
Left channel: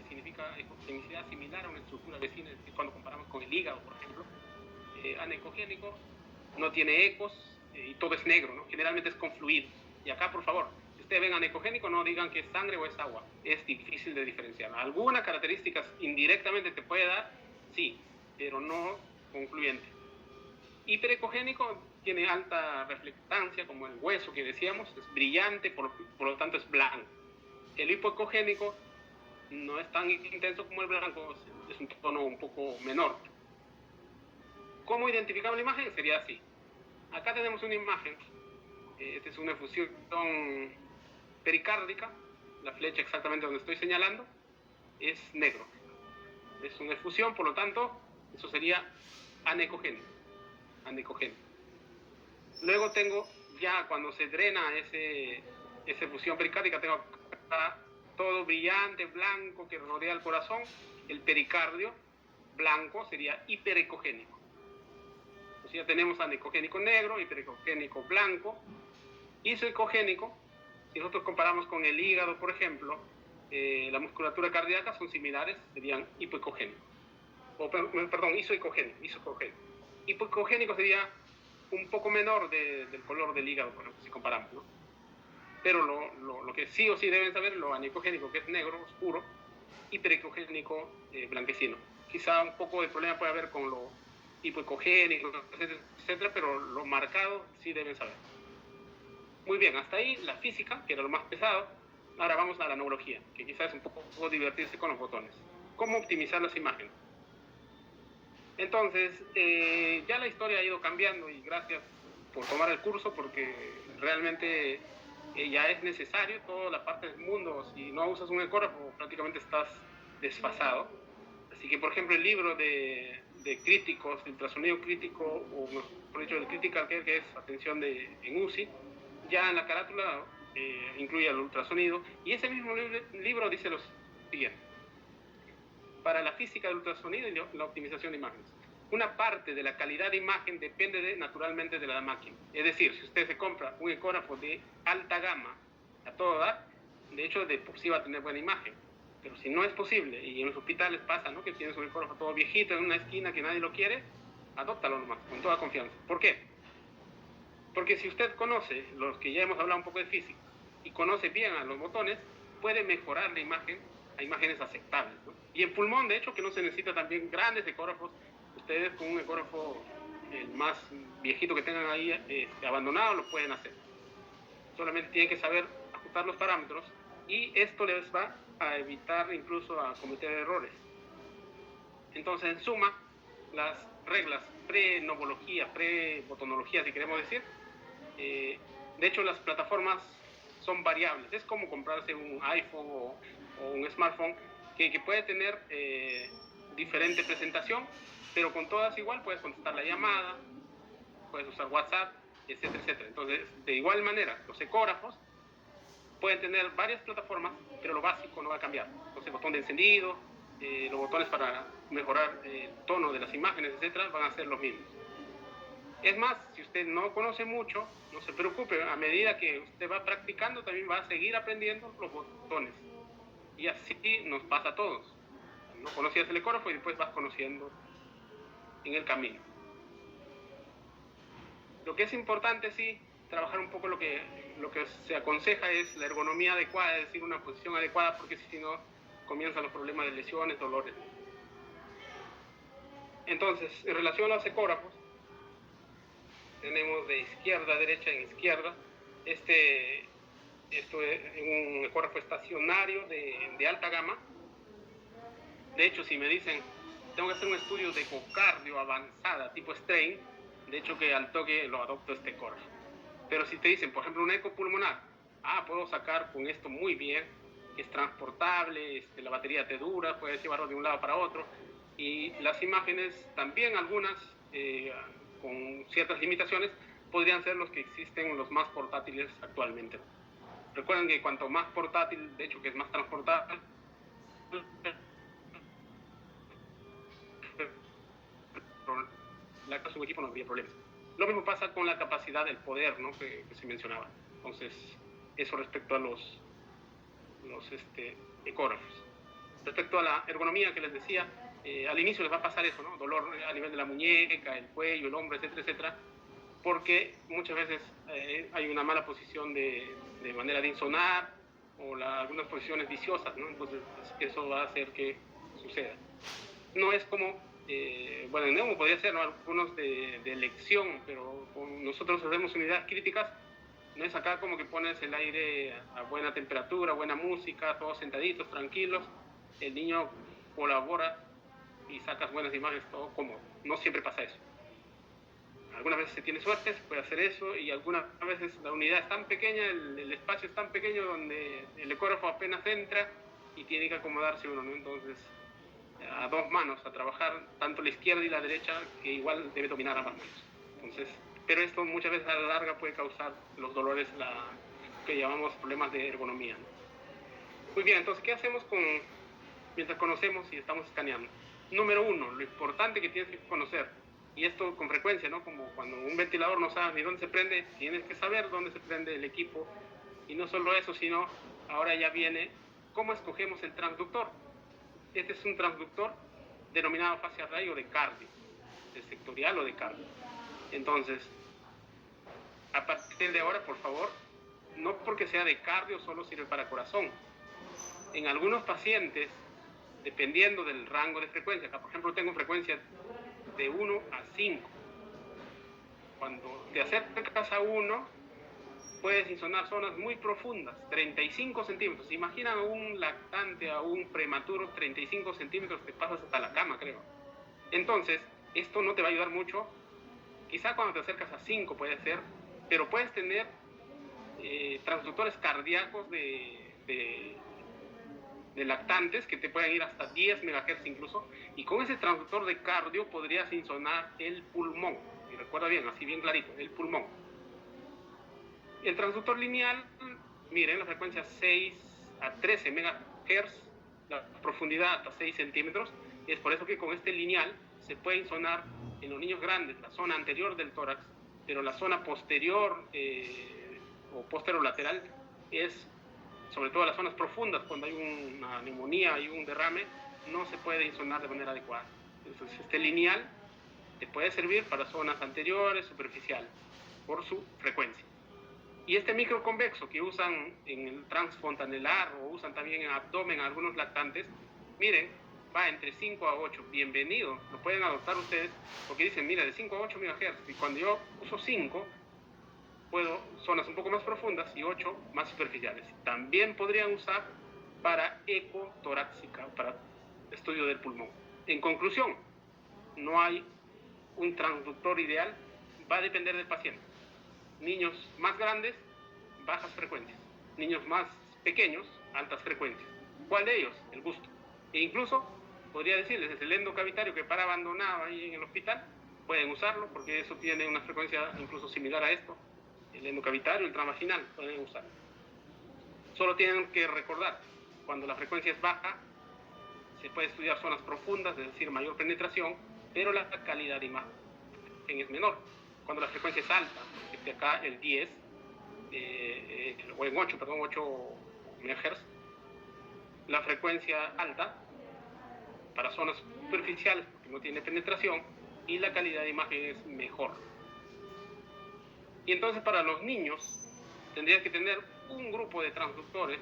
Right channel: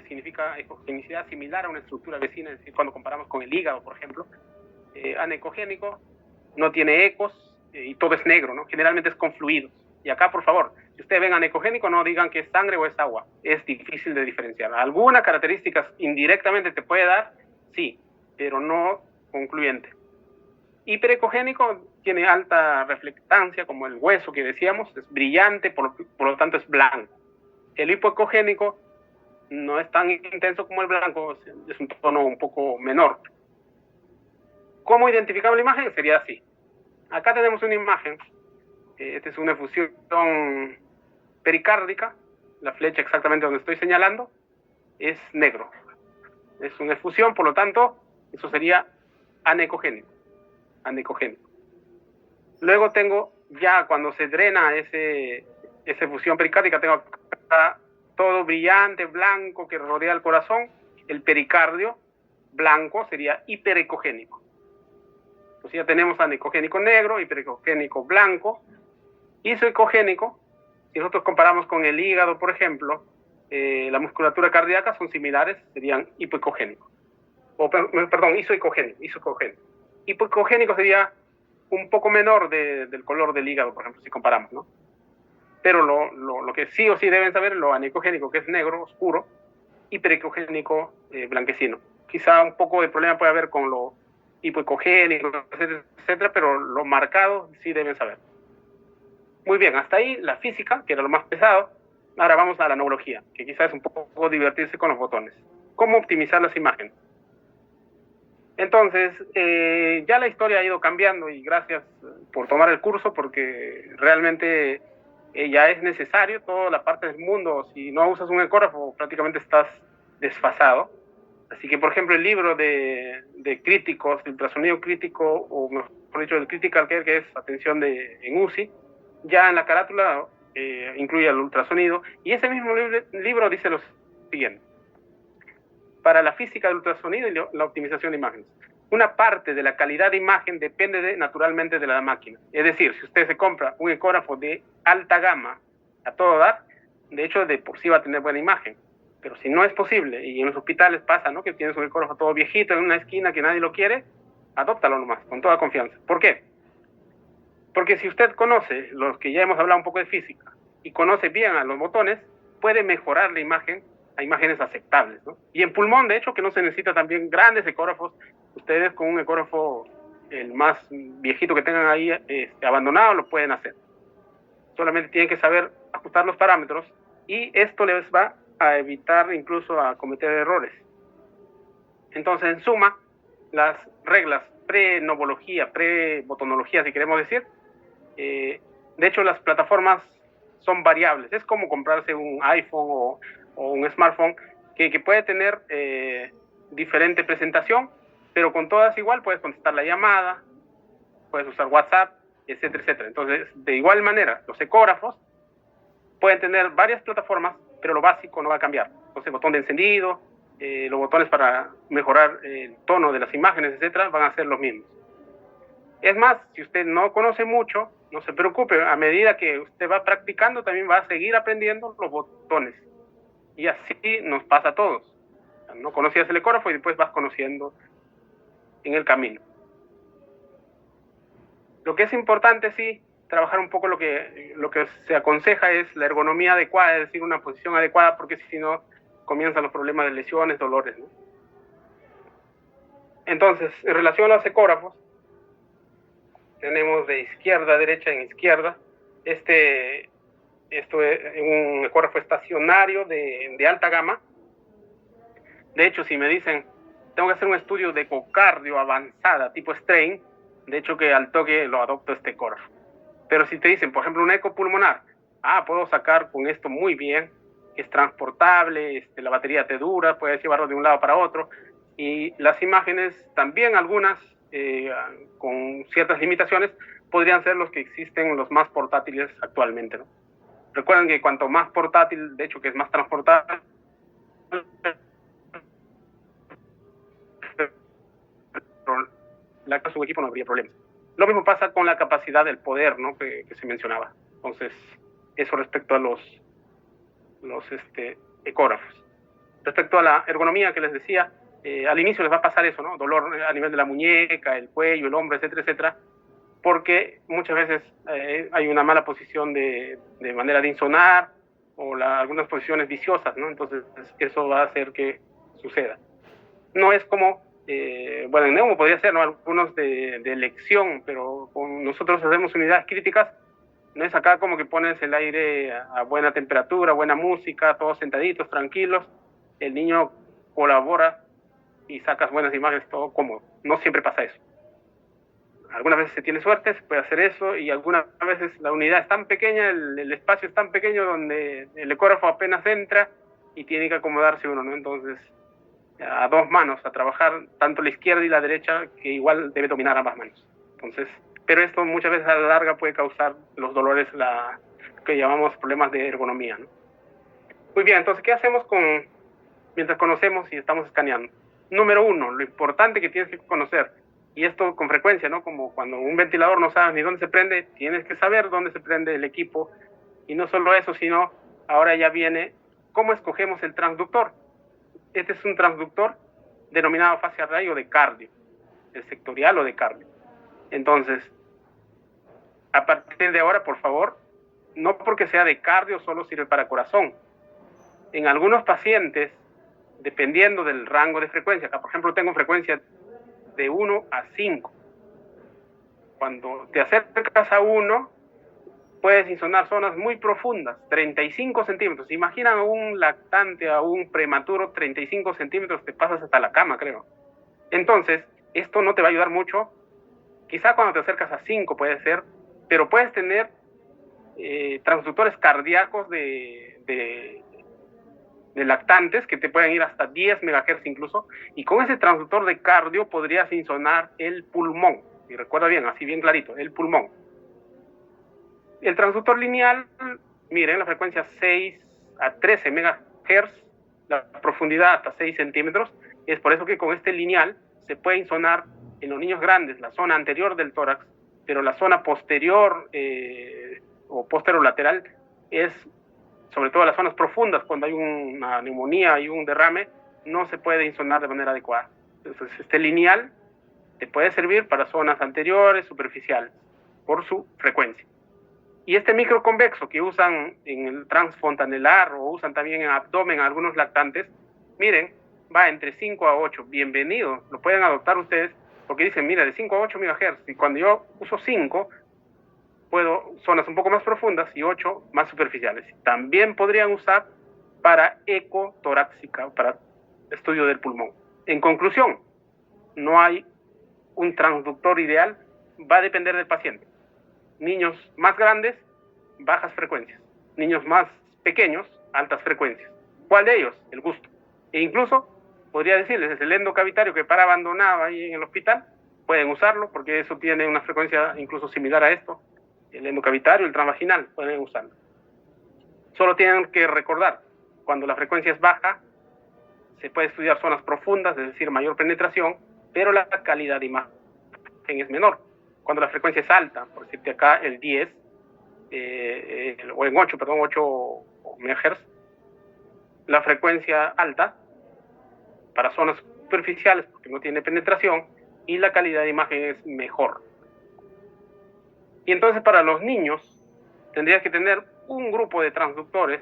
significa ecogenicidad similar a una estructura vecina, es decir, cuando comparamos con el hígado, por ejemplo. Anecogénico no tiene ecos y todo es negro, ¿no? Generalmente es con fluidos. Y acá, por favor, si ustedes ven anecogénico, no digan que es sangre o es agua. Es difícil de diferenciar. Algunas características indirectamente te puede dar, sí, pero no concluyente. Hiperecogénico tiene alta reflectancia, como el hueso que decíamos, es brillante, por lo tanto es blanco. El hipoecogénico no es tan intenso como el blanco, es un tono un poco menor. ¿Cómo identificamos la imagen? Sería así. Acá tenemos una imagen, esta es una efusión pericárdica, la flecha exactamente donde estoy señalando es negro. Es una efusión, por lo tanto, eso sería anecogénico. Luego tengo, ya cuando se drena esa efusión pericárdica, tengo acá todo brillante, blanco, que rodea el corazón. El pericardio blanco sería hiperecogénico. Entonces ya tenemos anecogénico negro, hiperecogénico blanco. Isoecogénico, si nosotros comparamos con el hígado, por ejemplo, la musculatura cardíaca son similares, serían hipoecogénicos. Perdón, isoecogénico. Hipoecogénico sería un poco menor del color del hígado, por ejemplo, si comparamos, ¿no? Pero lo que sí o sí deben saber es lo anecogénico, que es negro, oscuro, hiperecogénico, blanquecino. Quizá un poco de problema puede haber con lo hipoecogénico, etcétera, pero lo marcado sí deben saber. Muy bien, hasta ahí la física, que era lo más pesado. Ahora vamos a la neurología, que quizás es un poco divertirse con los botones. ¿Cómo optimizar las imágenes? Entonces, ya la historia ha ido cambiando y gracias por tomar el curso, porque realmente ya es necesario toda la parte del mundo. Si no usas un ecógrafo, prácticamente estás desfasado. Así que, por ejemplo, el libro de críticos, de ultrasonido crítico, o mejor dicho, el Critical Care, que es atención en UCI, ya en la carátula incluye el ultrasonido, y ese mismo libro dice lo siguiente: para la física del ultrasonido y la optimización de imágenes, una parte de la calidad de imagen depende naturalmente de la máquina. Es decir, si usted se compra un ecógrafo de alta gama a todo dar, de hecho de por sí va a tener buena imagen. Pero si no es posible, y en los hospitales pasa, ¿no?, que tienes un ecógrafo todo viejito en una esquina que nadie lo quiere, adóptalo nomás, con toda confianza. ¿Por qué? Porque si usted conoce, los que ya hemos hablado un poco de física, y conoce bien a los botones, puede mejorar la imagen a imágenes aceptables, ¿no? Y en pulmón, de hecho, que no se necesita también grandes ecógrafos. Ustedes con un ecógrafo, el más viejito que tengan ahí abandonado, lo pueden hacer. Solamente tienen que saber ajustar los parámetros, y esto les va a evitar incluso a cometer errores. Entonces, en suma, las reglas pre-novología, pre-botonología, si queremos decir, de hecho, las plataformas son variables. Es como comprarse un iPhone o un smartphone que puede tener diferente presentación, pero con todas igual puedes contestar la llamada, puedes usar WhatsApp, etcétera, etcétera. Entonces, de igual manera, los ecógrafos pueden tener varias plataformas, pero lo básico no va a cambiar. Entonces, el botón de encendido, los botones para mejorar el tono de las imágenes, etcétera, van a ser los mismos. Es más, si usted no conoce mucho, no se preocupe, a medida que usted va practicando también va a seguir aprendiendo los botones. Y así nos pasa a todos. No conocías el ecógrafo y después vas conociendo en el camino. Lo que es importante, sí, trabajar un poco lo que se aconseja es la ergonomía adecuada, es decir, una posición adecuada, porque si no comienzan los problemas de lesiones, dolores, ¿no? Entonces, en relación a los ecógrafos, tenemos de izquierda a derecha en izquierda. Esto es un ecógrafo estacionario de alta gama. De hecho, si me dicen, tengo que hacer un estudio de ecocardio avanzada, tipo strain, de hecho que al toque lo adopto este ecógrafo. Pero si te dicen, por ejemplo, un eco pulmonar, puedo sacar con esto muy bien, que es transportable, la batería te dura, puedes llevarlo de un lado para otro, y las imágenes también, algunas con ciertas limitaciones, podrían ser los que existen, los más portátiles actualmente, ¿no? Recuerden que cuanto más portátil, de hecho que es más transportable, su equipo no habría problemas. Lo mismo pasa con la capacidad del poder, ¿no? que se mencionaba. Entonces, eso respecto a los ecógrafos. Respecto a la ergonomía que les decía, al inicio les va a pasar eso, ¿no? Dolor a nivel de la muñeca, el cuello, el hombro, etcétera, etcétera, porque muchas veces hay una mala posición de manera de insonar o algunas posiciones viciosas, ¿no? Entonces, eso va a hacer que suceda. No es como, bueno, en Neumo podría ser, ¿no? Algunos de elección, pero con nosotros hacemos unidades críticas. No es acá como que pones el aire a buena temperatura, buena música, todos sentaditos, tranquilos. El niño colabora y sacas buenas imágenes, todo cómodo. No siempre pasa eso. Algunas veces se tiene suerte, se puede hacer eso, y algunas veces la unidad es tan pequeña, el espacio es tan pequeño donde el ecógrafo apenas entra y tiene que acomodarse uno, ¿no? Entonces, a dos manos a trabajar, tanto la izquierda y la derecha, que igual debe dominar ambas manos. Entonces, pero esto muchas veces a la larga puede causar los dolores que llamamos problemas de ergonomía, ¿no? Muy bien, entonces, ¿qué hacemos mientras conocemos y estamos escaneando? Número uno, lo importante que tienes que conocer, y esto con frecuencia, ¿no? Como cuando un ventilador no sabes ni dónde se prende, tienes que saber dónde se prende el equipo, y no solo eso, sino ahora ya viene cómo escogemos el transductor. Este es un transductor denominado fase array o de cardio, de sectorial o de cardio. Entonces, a partir de ahora, por favor, no porque sea de cardio solo sirve para corazón. En algunos pacientes, dependiendo del rango de frecuencia, acá por ejemplo tengo frecuencia de 1 a 5. Cuando te acercas a 1, puedes insonar zonas muy profundas, 35 centímetros. Imagina a un lactante, a un prematuro, 35 centímetros, te pasas hasta la cama, creo. Entonces, esto no te va a ayudar mucho. Quizá cuando te acercas a 5 puede ser, pero puedes tener transductores cardíacos de lactantes que te pueden ir hasta 10 MHz incluso, y con ese transductor de cardio podrías insonar el pulmón. Y recuerda bien, así bien clarito, el pulmón. El transductor lineal, miren, la frecuencia 6 a 13 MHz, la profundidad hasta 6 centímetros. Es por eso que con este lineal se puede insonar en los niños grandes la zona anterior del tórax, pero la zona posterior o posterolateral es, sobre todo las zonas profundas, cuando hay una neumonía y un derrame, no se puede insonar de manera adecuada. Entonces, este lineal te puede servir para zonas anteriores, superficial, por su frecuencia. Y este microconvexo que usan en el transfontanelar o usan también en abdomen algunos lactantes, miren, va entre 5 a 8. Bienvenido, lo pueden adoptar ustedes, porque dicen, mira, de 5 a 8 MHz, y cuando yo uso 5, puedo zonas un poco más profundas y 8 más superficiales. También podrían usar para eco torácica, para estudio del pulmón. En conclusión, no hay un transductor ideal, va a depender del paciente. Niños más grandes, bajas frecuencias. Niños más pequeños, altas frecuencias. ¿Cuál de ellos? El gusto. E incluso, podría decirles, es el endocavitario que para abandonado ahí en el hospital, pueden usarlo, porque eso tiene una frecuencia incluso similar a esto. El endocavitario, el transvaginal, pueden usarlo. Solo tienen que recordar, cuando la frecuencia es baja, se puede estudiar zonas profundas, es decir, mayor penetración, pero la calidad de imagen es menor. Cuando la frecuencia es alta, por decirte acá el 10, o en 8, perdón, 8 MHz, la frecuencia alta para zonas superficiales, porque no tiene penetración, y la calidad de imagen es mejor. Y entonces para los niños tendrías que tener un grupo de transductores,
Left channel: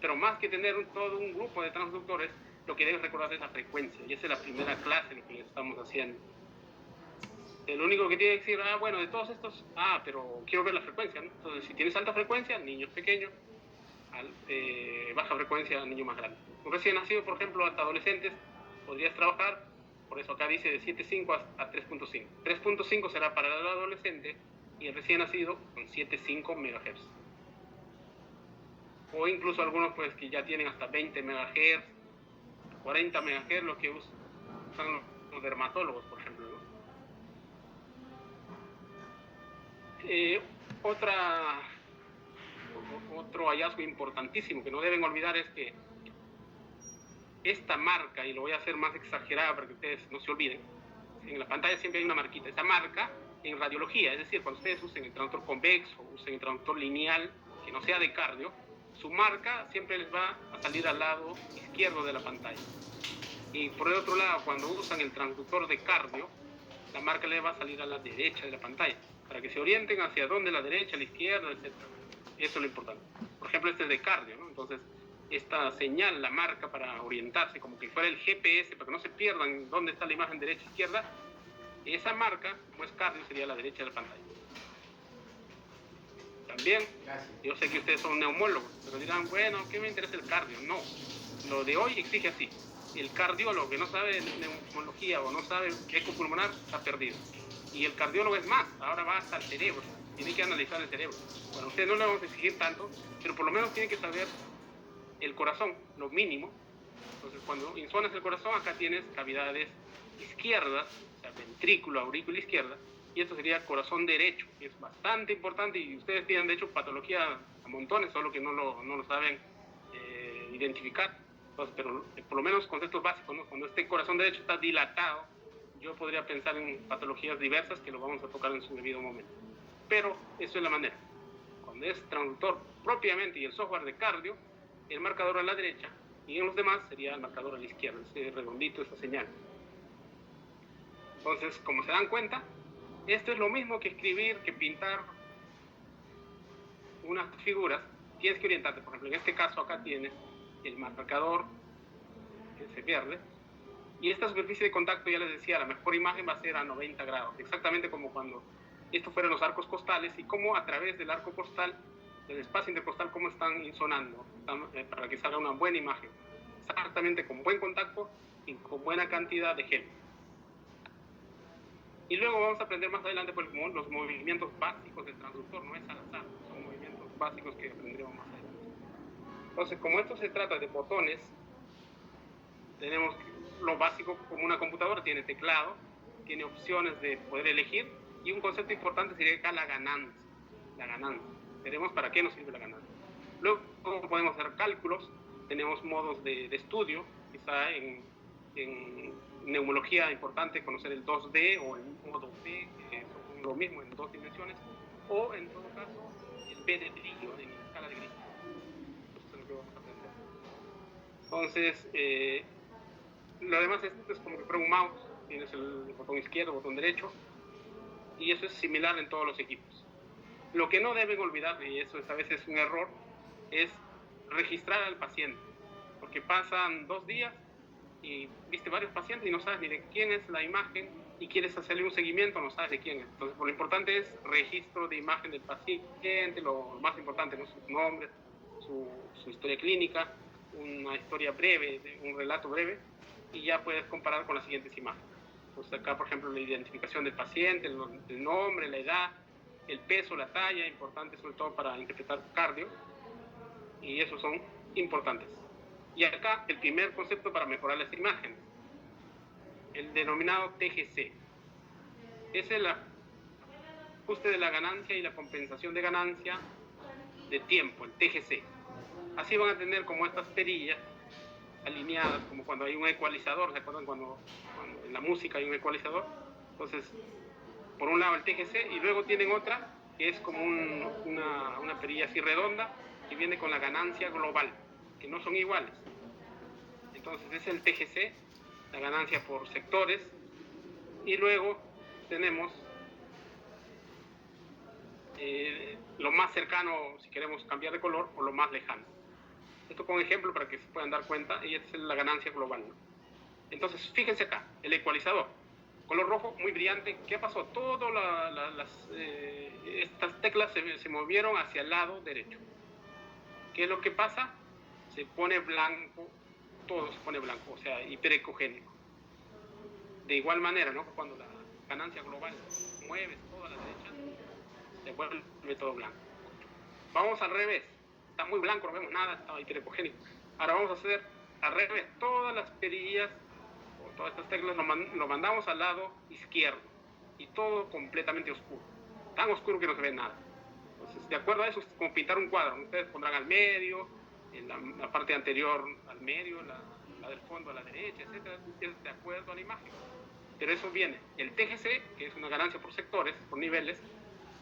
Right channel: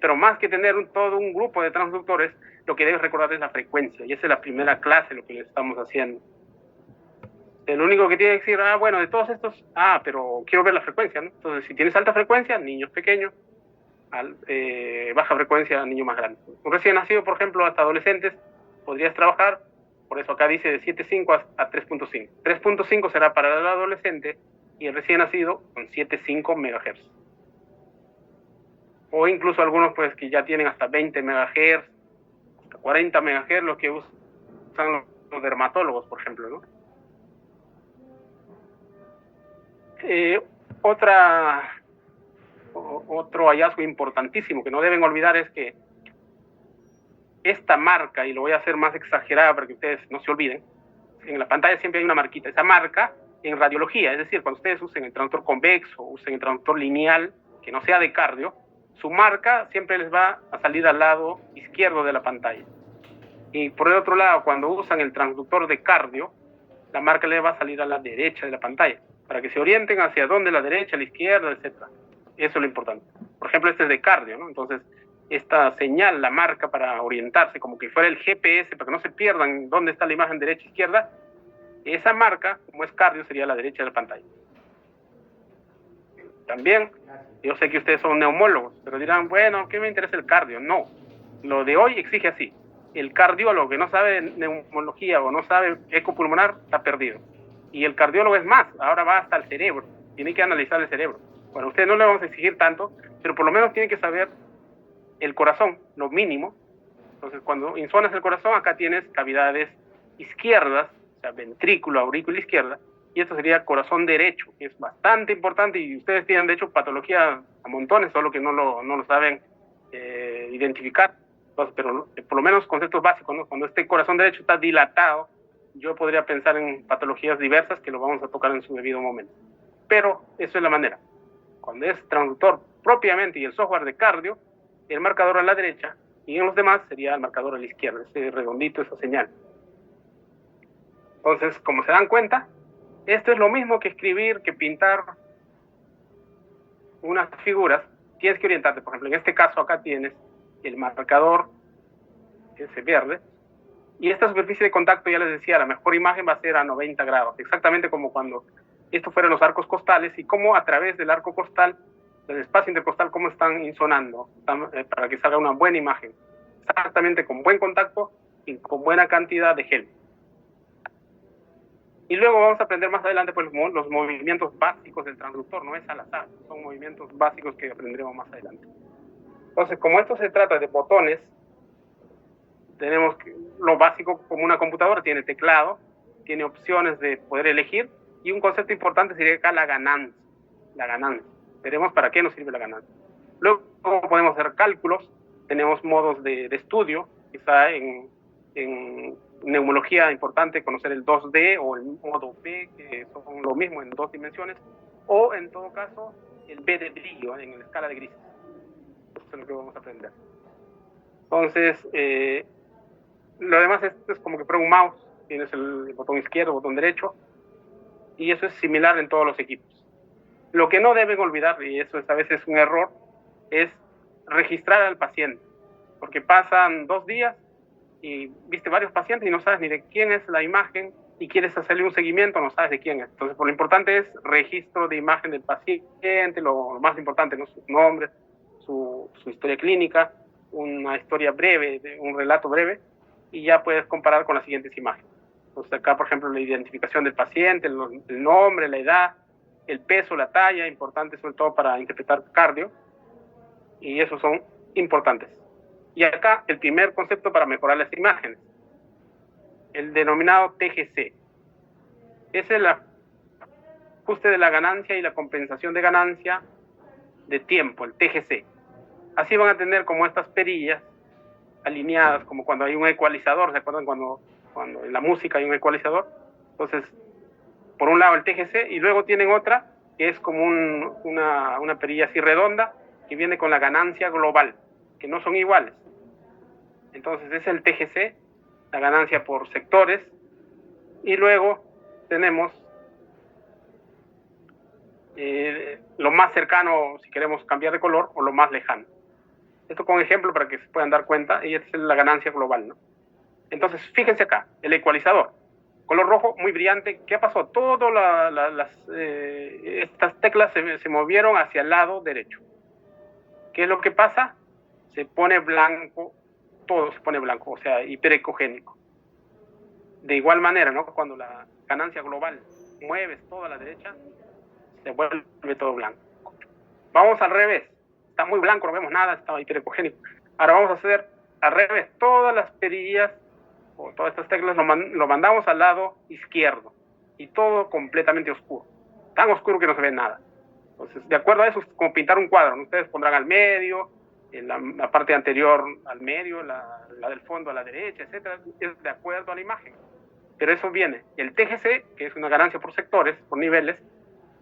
pero más que tener todo un grupo de transductores, lo que debes recordar es la frecuencia, y esa es la primera clase lo que le estamos haciendo. El único que tiene que decir, bueno, de todos estos, pero quiero ver la frecuencia, ¿no? Entonces, si tienes alta frecuencia, niños pequeños, baja frecuencia, niños más grandes. Un recién nacido, por ejemplo, hasta adolescentes, podrías trabajar, por eso acá dice de 7.5 a 3.5. 3.5 será para el adolescente y el recién nacido con 7.5 MHz. O incluso algunos pues que ya tienen hasta 20 MHz, hasta 40 MHz, lo que usan los dermatólogos, por ejemplo, ¿no? Otro hallazgo importantísimo que no deben olvidar es que esta marca, y lo voy a hacer más exagerada para que ustedes no se olviden, en la pantalla siempre hay una marquita, esa marca en radiología, es decir, cuando ustedes usen el traductor convexo, usen el traductor lineal, que no sea de cardio, su marca siempre les va a salir al lado izquierdo de la pantalla. Y por el otro lado, cuando usan el transductor de cardio, la marca les va a salir a la derecha de la pantalla, para que se orienten hacia dónde, la derecha, la izquierda, etc. Eso es lo importante. Por ejemplo, este es de cardio, ¿no? Entonces, esta señal, la marca para orientarse, como que fuera el GPS, para que no se pierdan dónde está la imagen derecha, izquierda, esa marca, como es cardio, sería a la derecha de la pantalla. También, yo sé que ustedes son neumólogos, pero dirán, bueno, ¿qué me interesa el cardio? No, lo de hoy exige así. El cardiólogo que no sabe neumología o no sabe eco pulmonar está perdido. Y el cardiólogo es más, ahora va hasta el cerebro, tiene que analizar el cerebro. Bueno, a ustedes no le vamos a exigir tanto, pero por lo menos tiene que saber el corazón, lo mínimo. Entonces, cuando insonas el corazón, acá tienes cavidades izquierdas, o sea, ventrículo, aurícula izquierda, y esto sería corazón derecho, que es bastante importante, y ustedes tienen, de hecho, patología a montones, solo que no lo saben identificar. Entonces, pero por lo menos conceptos básicos, ¿no? Cuando este corazón derecho está dilatado, yo podría pensar en patologías diversas que lo vamos a tocar en su debido momento. Pero eso es la manera. Cuando es transductor propiamente y el software de cardio, el marcador a la derecha, y en los demás sería el marcador a la izquierda, ese redondito, esa señal. Entonces, como se dan cuenta, esto es lo mismo que escribir, que pintar unas figuras. Tienes que orientarte. Por ejemplo, en este caso acá tienes el marcador, ese verde, y esta superficie de contacto, ya les decía, la mejor imagen va a ser a 90 grados, exactamente como cuando estos fueran los arcos costales, y cómo a través del arco costal, del espacio intercostal, cómo están insonando, para que salga una buena imagen, exactamente con buen contacto y con buena cantidad de gel. Y luego vamos a aprender más adelante pues, los movimientos básicos del transductor, no es al azar, son movimientos básicos que aprenderemos más adelante. Entonces, como esto se trata de botones, tenemos lo básico como una computadora, tiene teclado, tiene opciones de poder elegir, y un concepto importante sería acá la ganancia. La ganancia. Veremos para qué nos sirve la ganancia. Luego podemos hacer cálculos, tenemos modos de estudio, quizá en neumología importante conocer el 2D o el modo B, que son lo mismo en 2 dimensiones, o en todo caso el B de brillo en la escala de gris. Eso es lo que vamos a aprender. Entonces, lo demás es como que prueba un mouse, tienes el botón izquierdo, botón derecho, y eso es similar en todos los equipos. Lo que no deben olvidar, y eso a veces es un error, es registrar al paciente, porque pasan 2 días y viste varios pacientes y no sabes ni de quién es la imagen y quieres hacerle un seguimiento, no sabes de quién es. Entonces, lo importante es registro de imagen del paciente, lo más importante, ¿no? Sus nombres, su historia clínica, una historia breve, un relato breve, y ya puedes comparar con las siguientes imágenes. Entonces, acá, por ejemplo, la identificación del paciente, el nombre, la edad, el peso, la talla, importante sobre todo para interpretar cardio, y esos son importantes. Y acá el primer concepto para mejorar las imágenes, el denominado TGC. Es el ajuste de la ganancia y la compensación de ganancia de tiempo, el TGC. Así van a tener como estas perillas alineadas, como cuando hay un ecualizador, ¿se acuerdan cuando en la música hay un ecualizador? Entonces, por un lado el TGC, y luego tienen otra que es como una perilla así redonda, que viene con la ganancia global, que no son iguales. Entonces es el TGC, la ganancia por sectores, y luego tenemos lo más cercano, si queremos cambiar de color, o lo más lejano. Esto con ejemplo para que se puedan dar cuenta, y esta es la ganancia global, ¿no? Entonces, fíjense acá, el ecualizador, color rojo, muy brillante. ¿Qué pasó? Todas estas teclas se movieron hacia el lado derecho. ¿Qué es lo que pasa? Se pone blanco, todo se pone blanco, o sea, hiperecogénico. De igual manera, ¿no? Cuando la ganancia global mueves toda a la derecha, se vuelve todo blanco. Vamos al revés. Está muy blanco, no vemos nada, está hiperecogénico. Ahora vamos a hacer al revés. Todas las perillas o todas estas teclas lo mandamos al lado izquierdo y todo completamente oscuro, tan oscuro que no se ve nada. Entonces, de acuerdo a eso, es como pintar un cuadro, ¿no? Ustedes pondrán al medio, en la parte anterior al medio, la del fondo a la derecha, etcétera, es de acuerdo a la imagen. pero eso viene el TGC, que es una ganancia por sectores, por niveles,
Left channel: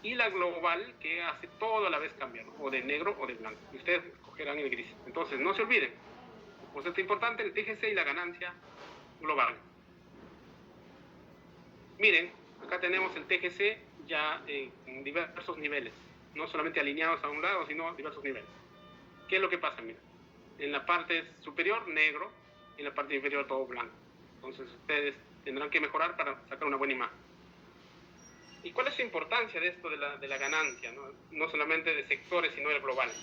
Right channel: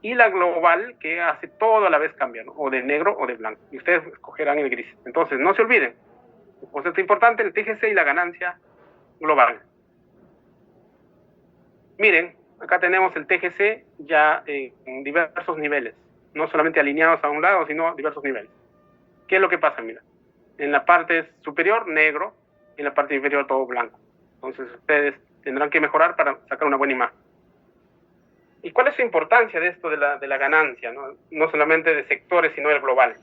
y la global, que hace todo a la vez cambiar, ¿no? O de negro o de blanco, y ustedes escogerán el gris. Entonces, no se olviden, el concepto importante, el TGC y la ganancia global. Miren, acá tenemos el TGC ya en diversos niveles, no solamente alineados a un lado, sino diversos niveles. ¿Qué es lo que pasa? Mira, en la parte superior, negro, en la parte inferior, todo blanco. Entonces, ustedes tendrán que mejorar para sacar una buena imagen. ¿Y cuál es su importancia de esto de la ganancia? No solamente de sectores, sino del global.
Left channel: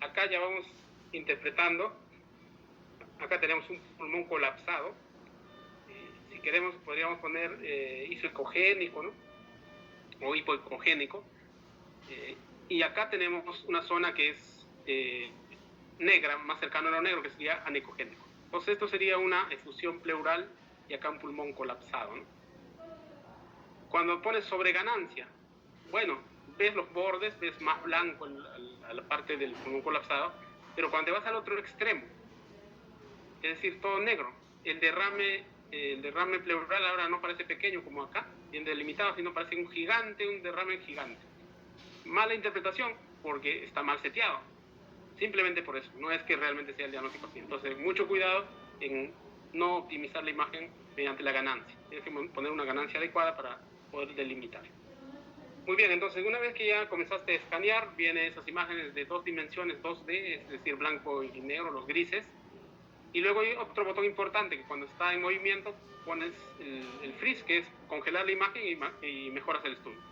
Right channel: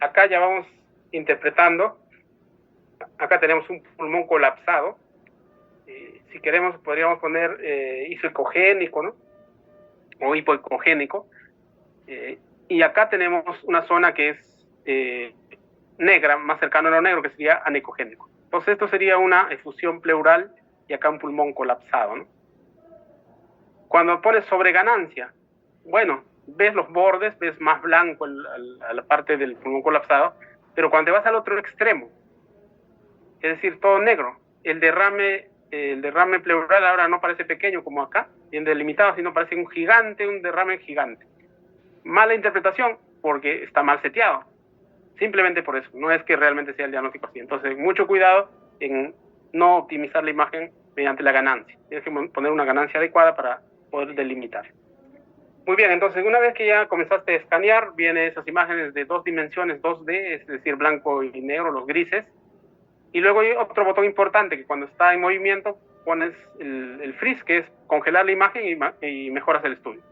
Acá ya vamos interpretando. Acá tenemos un pulmón colapsado. Si queremos, podríamos poner isoecogénico, ¿no? O hipoecogénico. Y acá tenemos una zona que es negra, más cercana a lo negro, que sería anecogénico. Entonces, esto sería una efusión pleural y acá un pulmón colapsado, ¿no? Cuando pones sobreganancia, bueno, ves los bordes, ves más blanco a la parte del pulmón colapsado, pero cuando te vas al otro extremo, es decir, todo negro, el derrame pleural ahora no parece pequeño como acá, bien delimitado, sino parece un derrame gigante. Mala interpretación porque está mal seteado, simplemente por eso, no es que realmente sea el diagnóstico así. Entonces, mucho cuidado en no optimizar la imagen mediante la ganancia. Tienes que poner una ganancia adecuada para poder delimitar. Muy bien, entonces una vez que ya comenzaste a escanear, vienen esas imágenes de 2 dimensiones, 2D, es decir, blanco y negro, los grises. Y luego hay otro botón importante, que cuando está en movimiento pones el freeze, que es congelar la imagen y mejoras el estudio.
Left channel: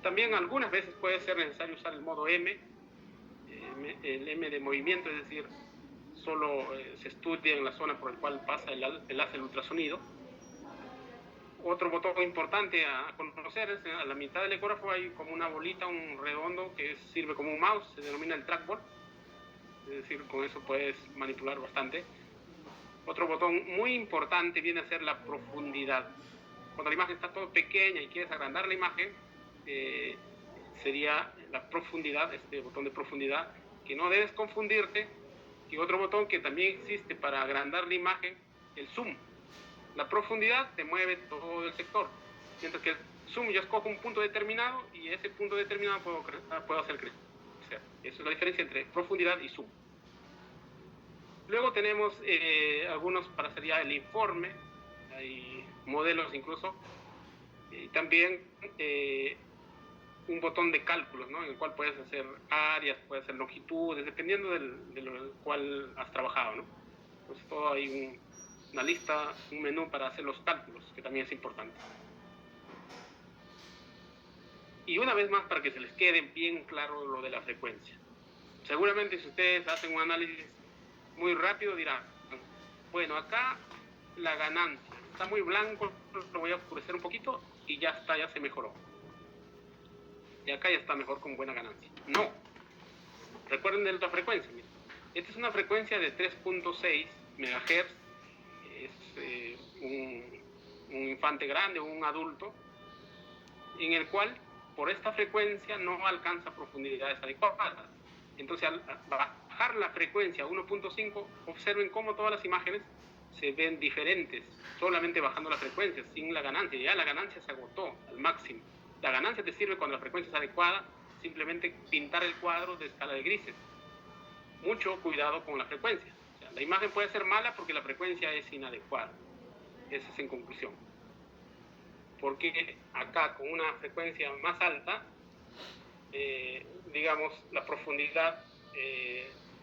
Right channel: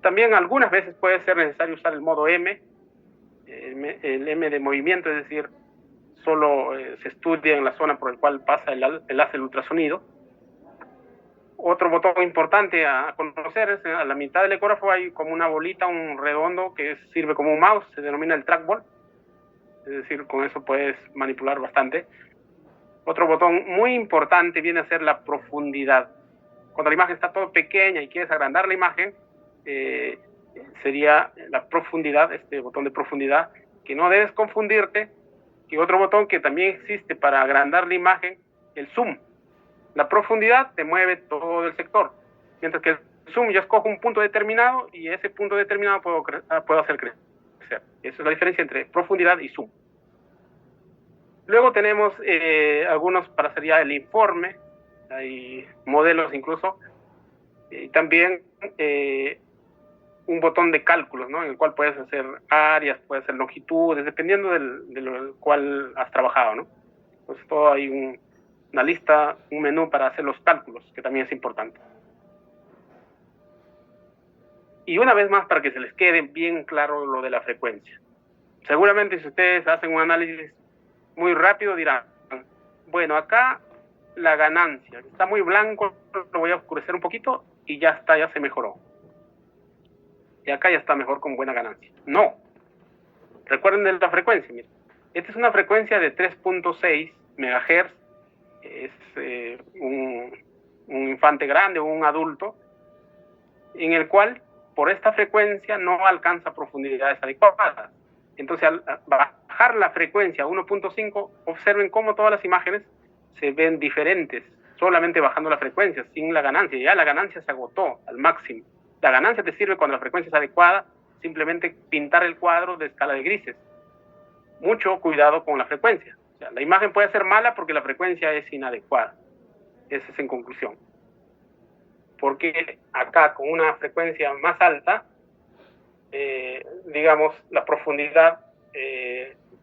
También algunas veces puede ser necesario usar el modo M, el M de movimiento, es decir, solo se estudia en la zona por la cual pasa el haz del ultrasonido. Otro botón importante a conocer es a la mitad del ecógrafo hay como una bolita, un redondo que sirve como un mouse, se denomina el trackball, es decir, con eso puedes manipular bastante. Otro botón muy importante viene a ser la profundidad. Cuando la imagen está todo pequeña y quieres agrandar la imagen, sería la profundidad, este botón de profundidad, que no debes confundirte, que otro botón que también existe para agrandar la imagen, el zoom. La profundidad te mueve todo el sector, mientras que el zoom yo escojo un punto determinado y ese punto determinado puedo hacer crecer. Esa es la diferencia entre profundidad y zoom. Luego tenemos algunos para hacer ya el informe, hay modelos incluso, y también un botón de cálculos, ¿no? En el cual puedes hacer áreas, puedes hacer longitudes, dependiendo de lo cual has trabajado, ¿no? Entonces todo hay una lista, un menú para hacer los cálculos, que también es importante. Y una vez más, para que se les quede bien claro lo de la frecuencia. Seguramente si ustedes hacen un análisis muy rápido dirán, bueno, acá la ganancia está muy blanco, lo voy a oscurecer un poquito y ya está, ya se mejoró. Y acá ya está mejor con buena ganancia. No. Recuerden de la frecuencia. Miren. Esta es una frecuencia de 3.6 MHz. Es un infante grande o un adulto, en el cual por esta frecuencia no alcanza profundidades adecuadas. Entonces, al bajar la frecuencia a 1.5, observen cómo todas las imágenes se ven diferentes, solamente bajando la frecuencia, sin la ganancia. Ya la ganancia se agotó al máximo. La ganancia te sirve cuando la frecuencia es adecuada, simplemente pintar el cuadro de escala de grises. Mucho cuidado con la frecuencia. O sea, la imagen puede ser mala porque la frecuencia es inadecuada. Eso es en conclusión. Porque acá, con una frecuencia más alta, digamos, la profundidad,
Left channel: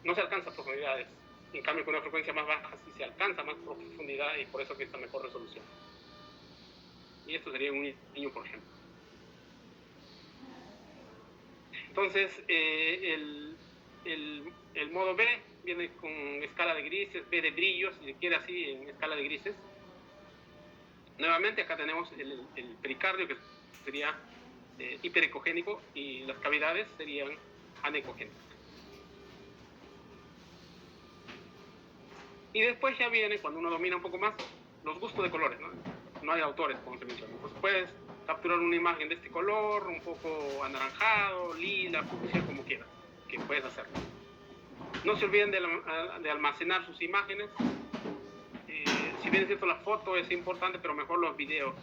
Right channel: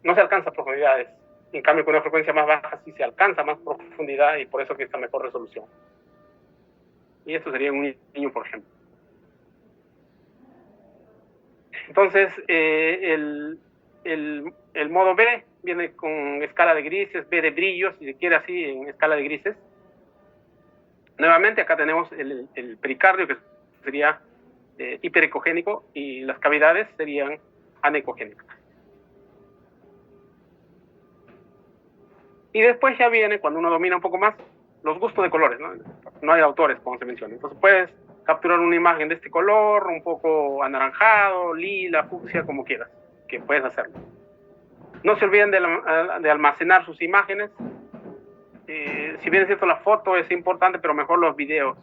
no se alcanza profundidades. En cambio, con una frecuencia más baja sí se alcanza más profundidad y por eso que está mejor resolución. Y esto sería un niño, por ejemplo. Entonces, el modo B viene con escala de grises, B de brillo, si se quiere así, en escala de grises. Nuevamente, acá tenemos el pericardio, que sería hiperecogénico, y las cavidades serían anecogénicas. Y después ya viene, cuando uno domina un poco más, los gustos de colores, ¿no? No hay autores, como se menciona. Entonces puedes capturar una imagen de este color, un poco anaranjado, lila, fucsia, como quieras, que puedes hacerlo. No se olviden de almacenar sus imágenes. si bien es cierto la foto es importante, pero mejor los videos.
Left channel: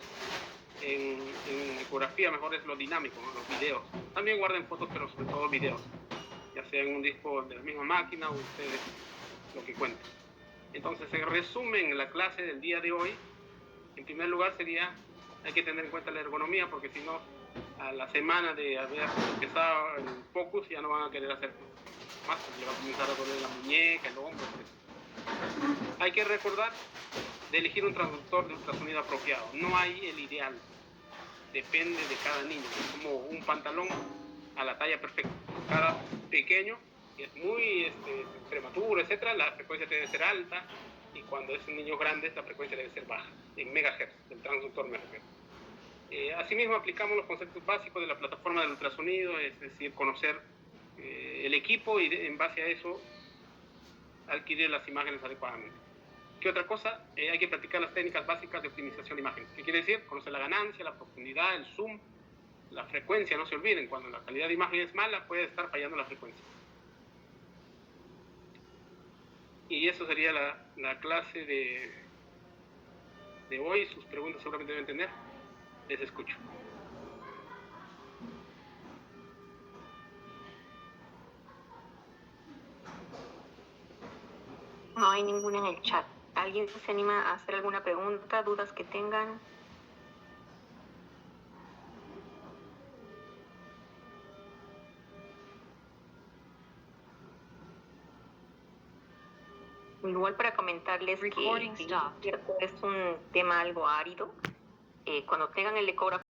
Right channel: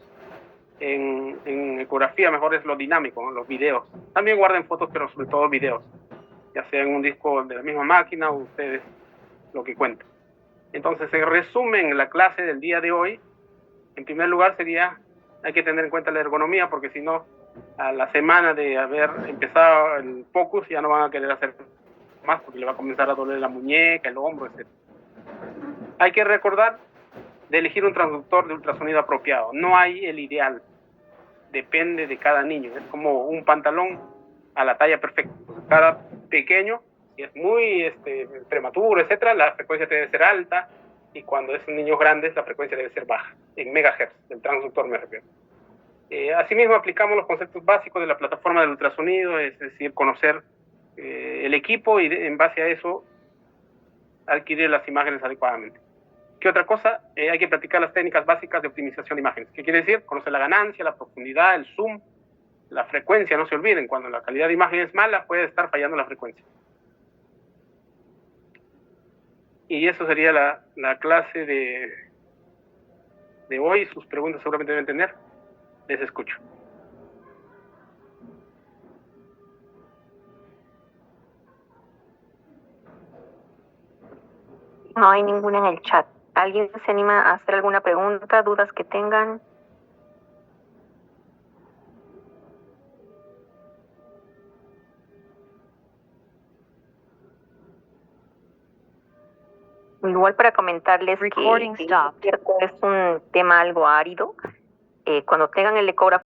En ecografía mejor es lo dinámico, ¿no? Los videos. También guarden fotos, pero sobre todo videos, ya sea en un disco de la misma máquina o ustedes lo que cuenten. Entonces, en resumen, la clase del día de hoy, en primer lugar sería, hay que tener en cuenta la ergonomía, porque si no, a la semana de haber empezado el focus ya no van a querer hacer más, porque le va a comenzar a doler la muñeca, el hombro, etc. Hay que recordar de elegir un transductor de ultrasonido apropiado. No hay el ideal, depende de cada niño. Es como un pantalón a la talla perfecta. Cada pequeño es muy prematuro, etcétera, la frecuencia debe ser alta, y cuando es un niño grande la frecuencia debe ser baja, en megahertz, del transductor me refiero. Asimismo, aplicamos los conceptos básicos de la plataforma del ultrasonido, es decir, conocer el equipo y en base a eso adquirir las imágenes adecuadamente. ¿Qué otra cosa? Hay que practicar las técnicas básicas de optimización de imágenes. ¿Qué quiere decir? Conocer la ganancia, la profundidad, el zoom, la frecuencia. No se olviden, cuando la calidad de imagen es mala, puede estar fallando la frecuencia. Y eso sería la clase de hoy. Sus preguntas seguramente deben tener. Les escucho. No hay ninguna en el chat. ¿Alguien se anima a hacer alguna pregunta, dudas que tengan? Igual para comentarles que es un tema algo árido. Cuando tengan el ecógrafo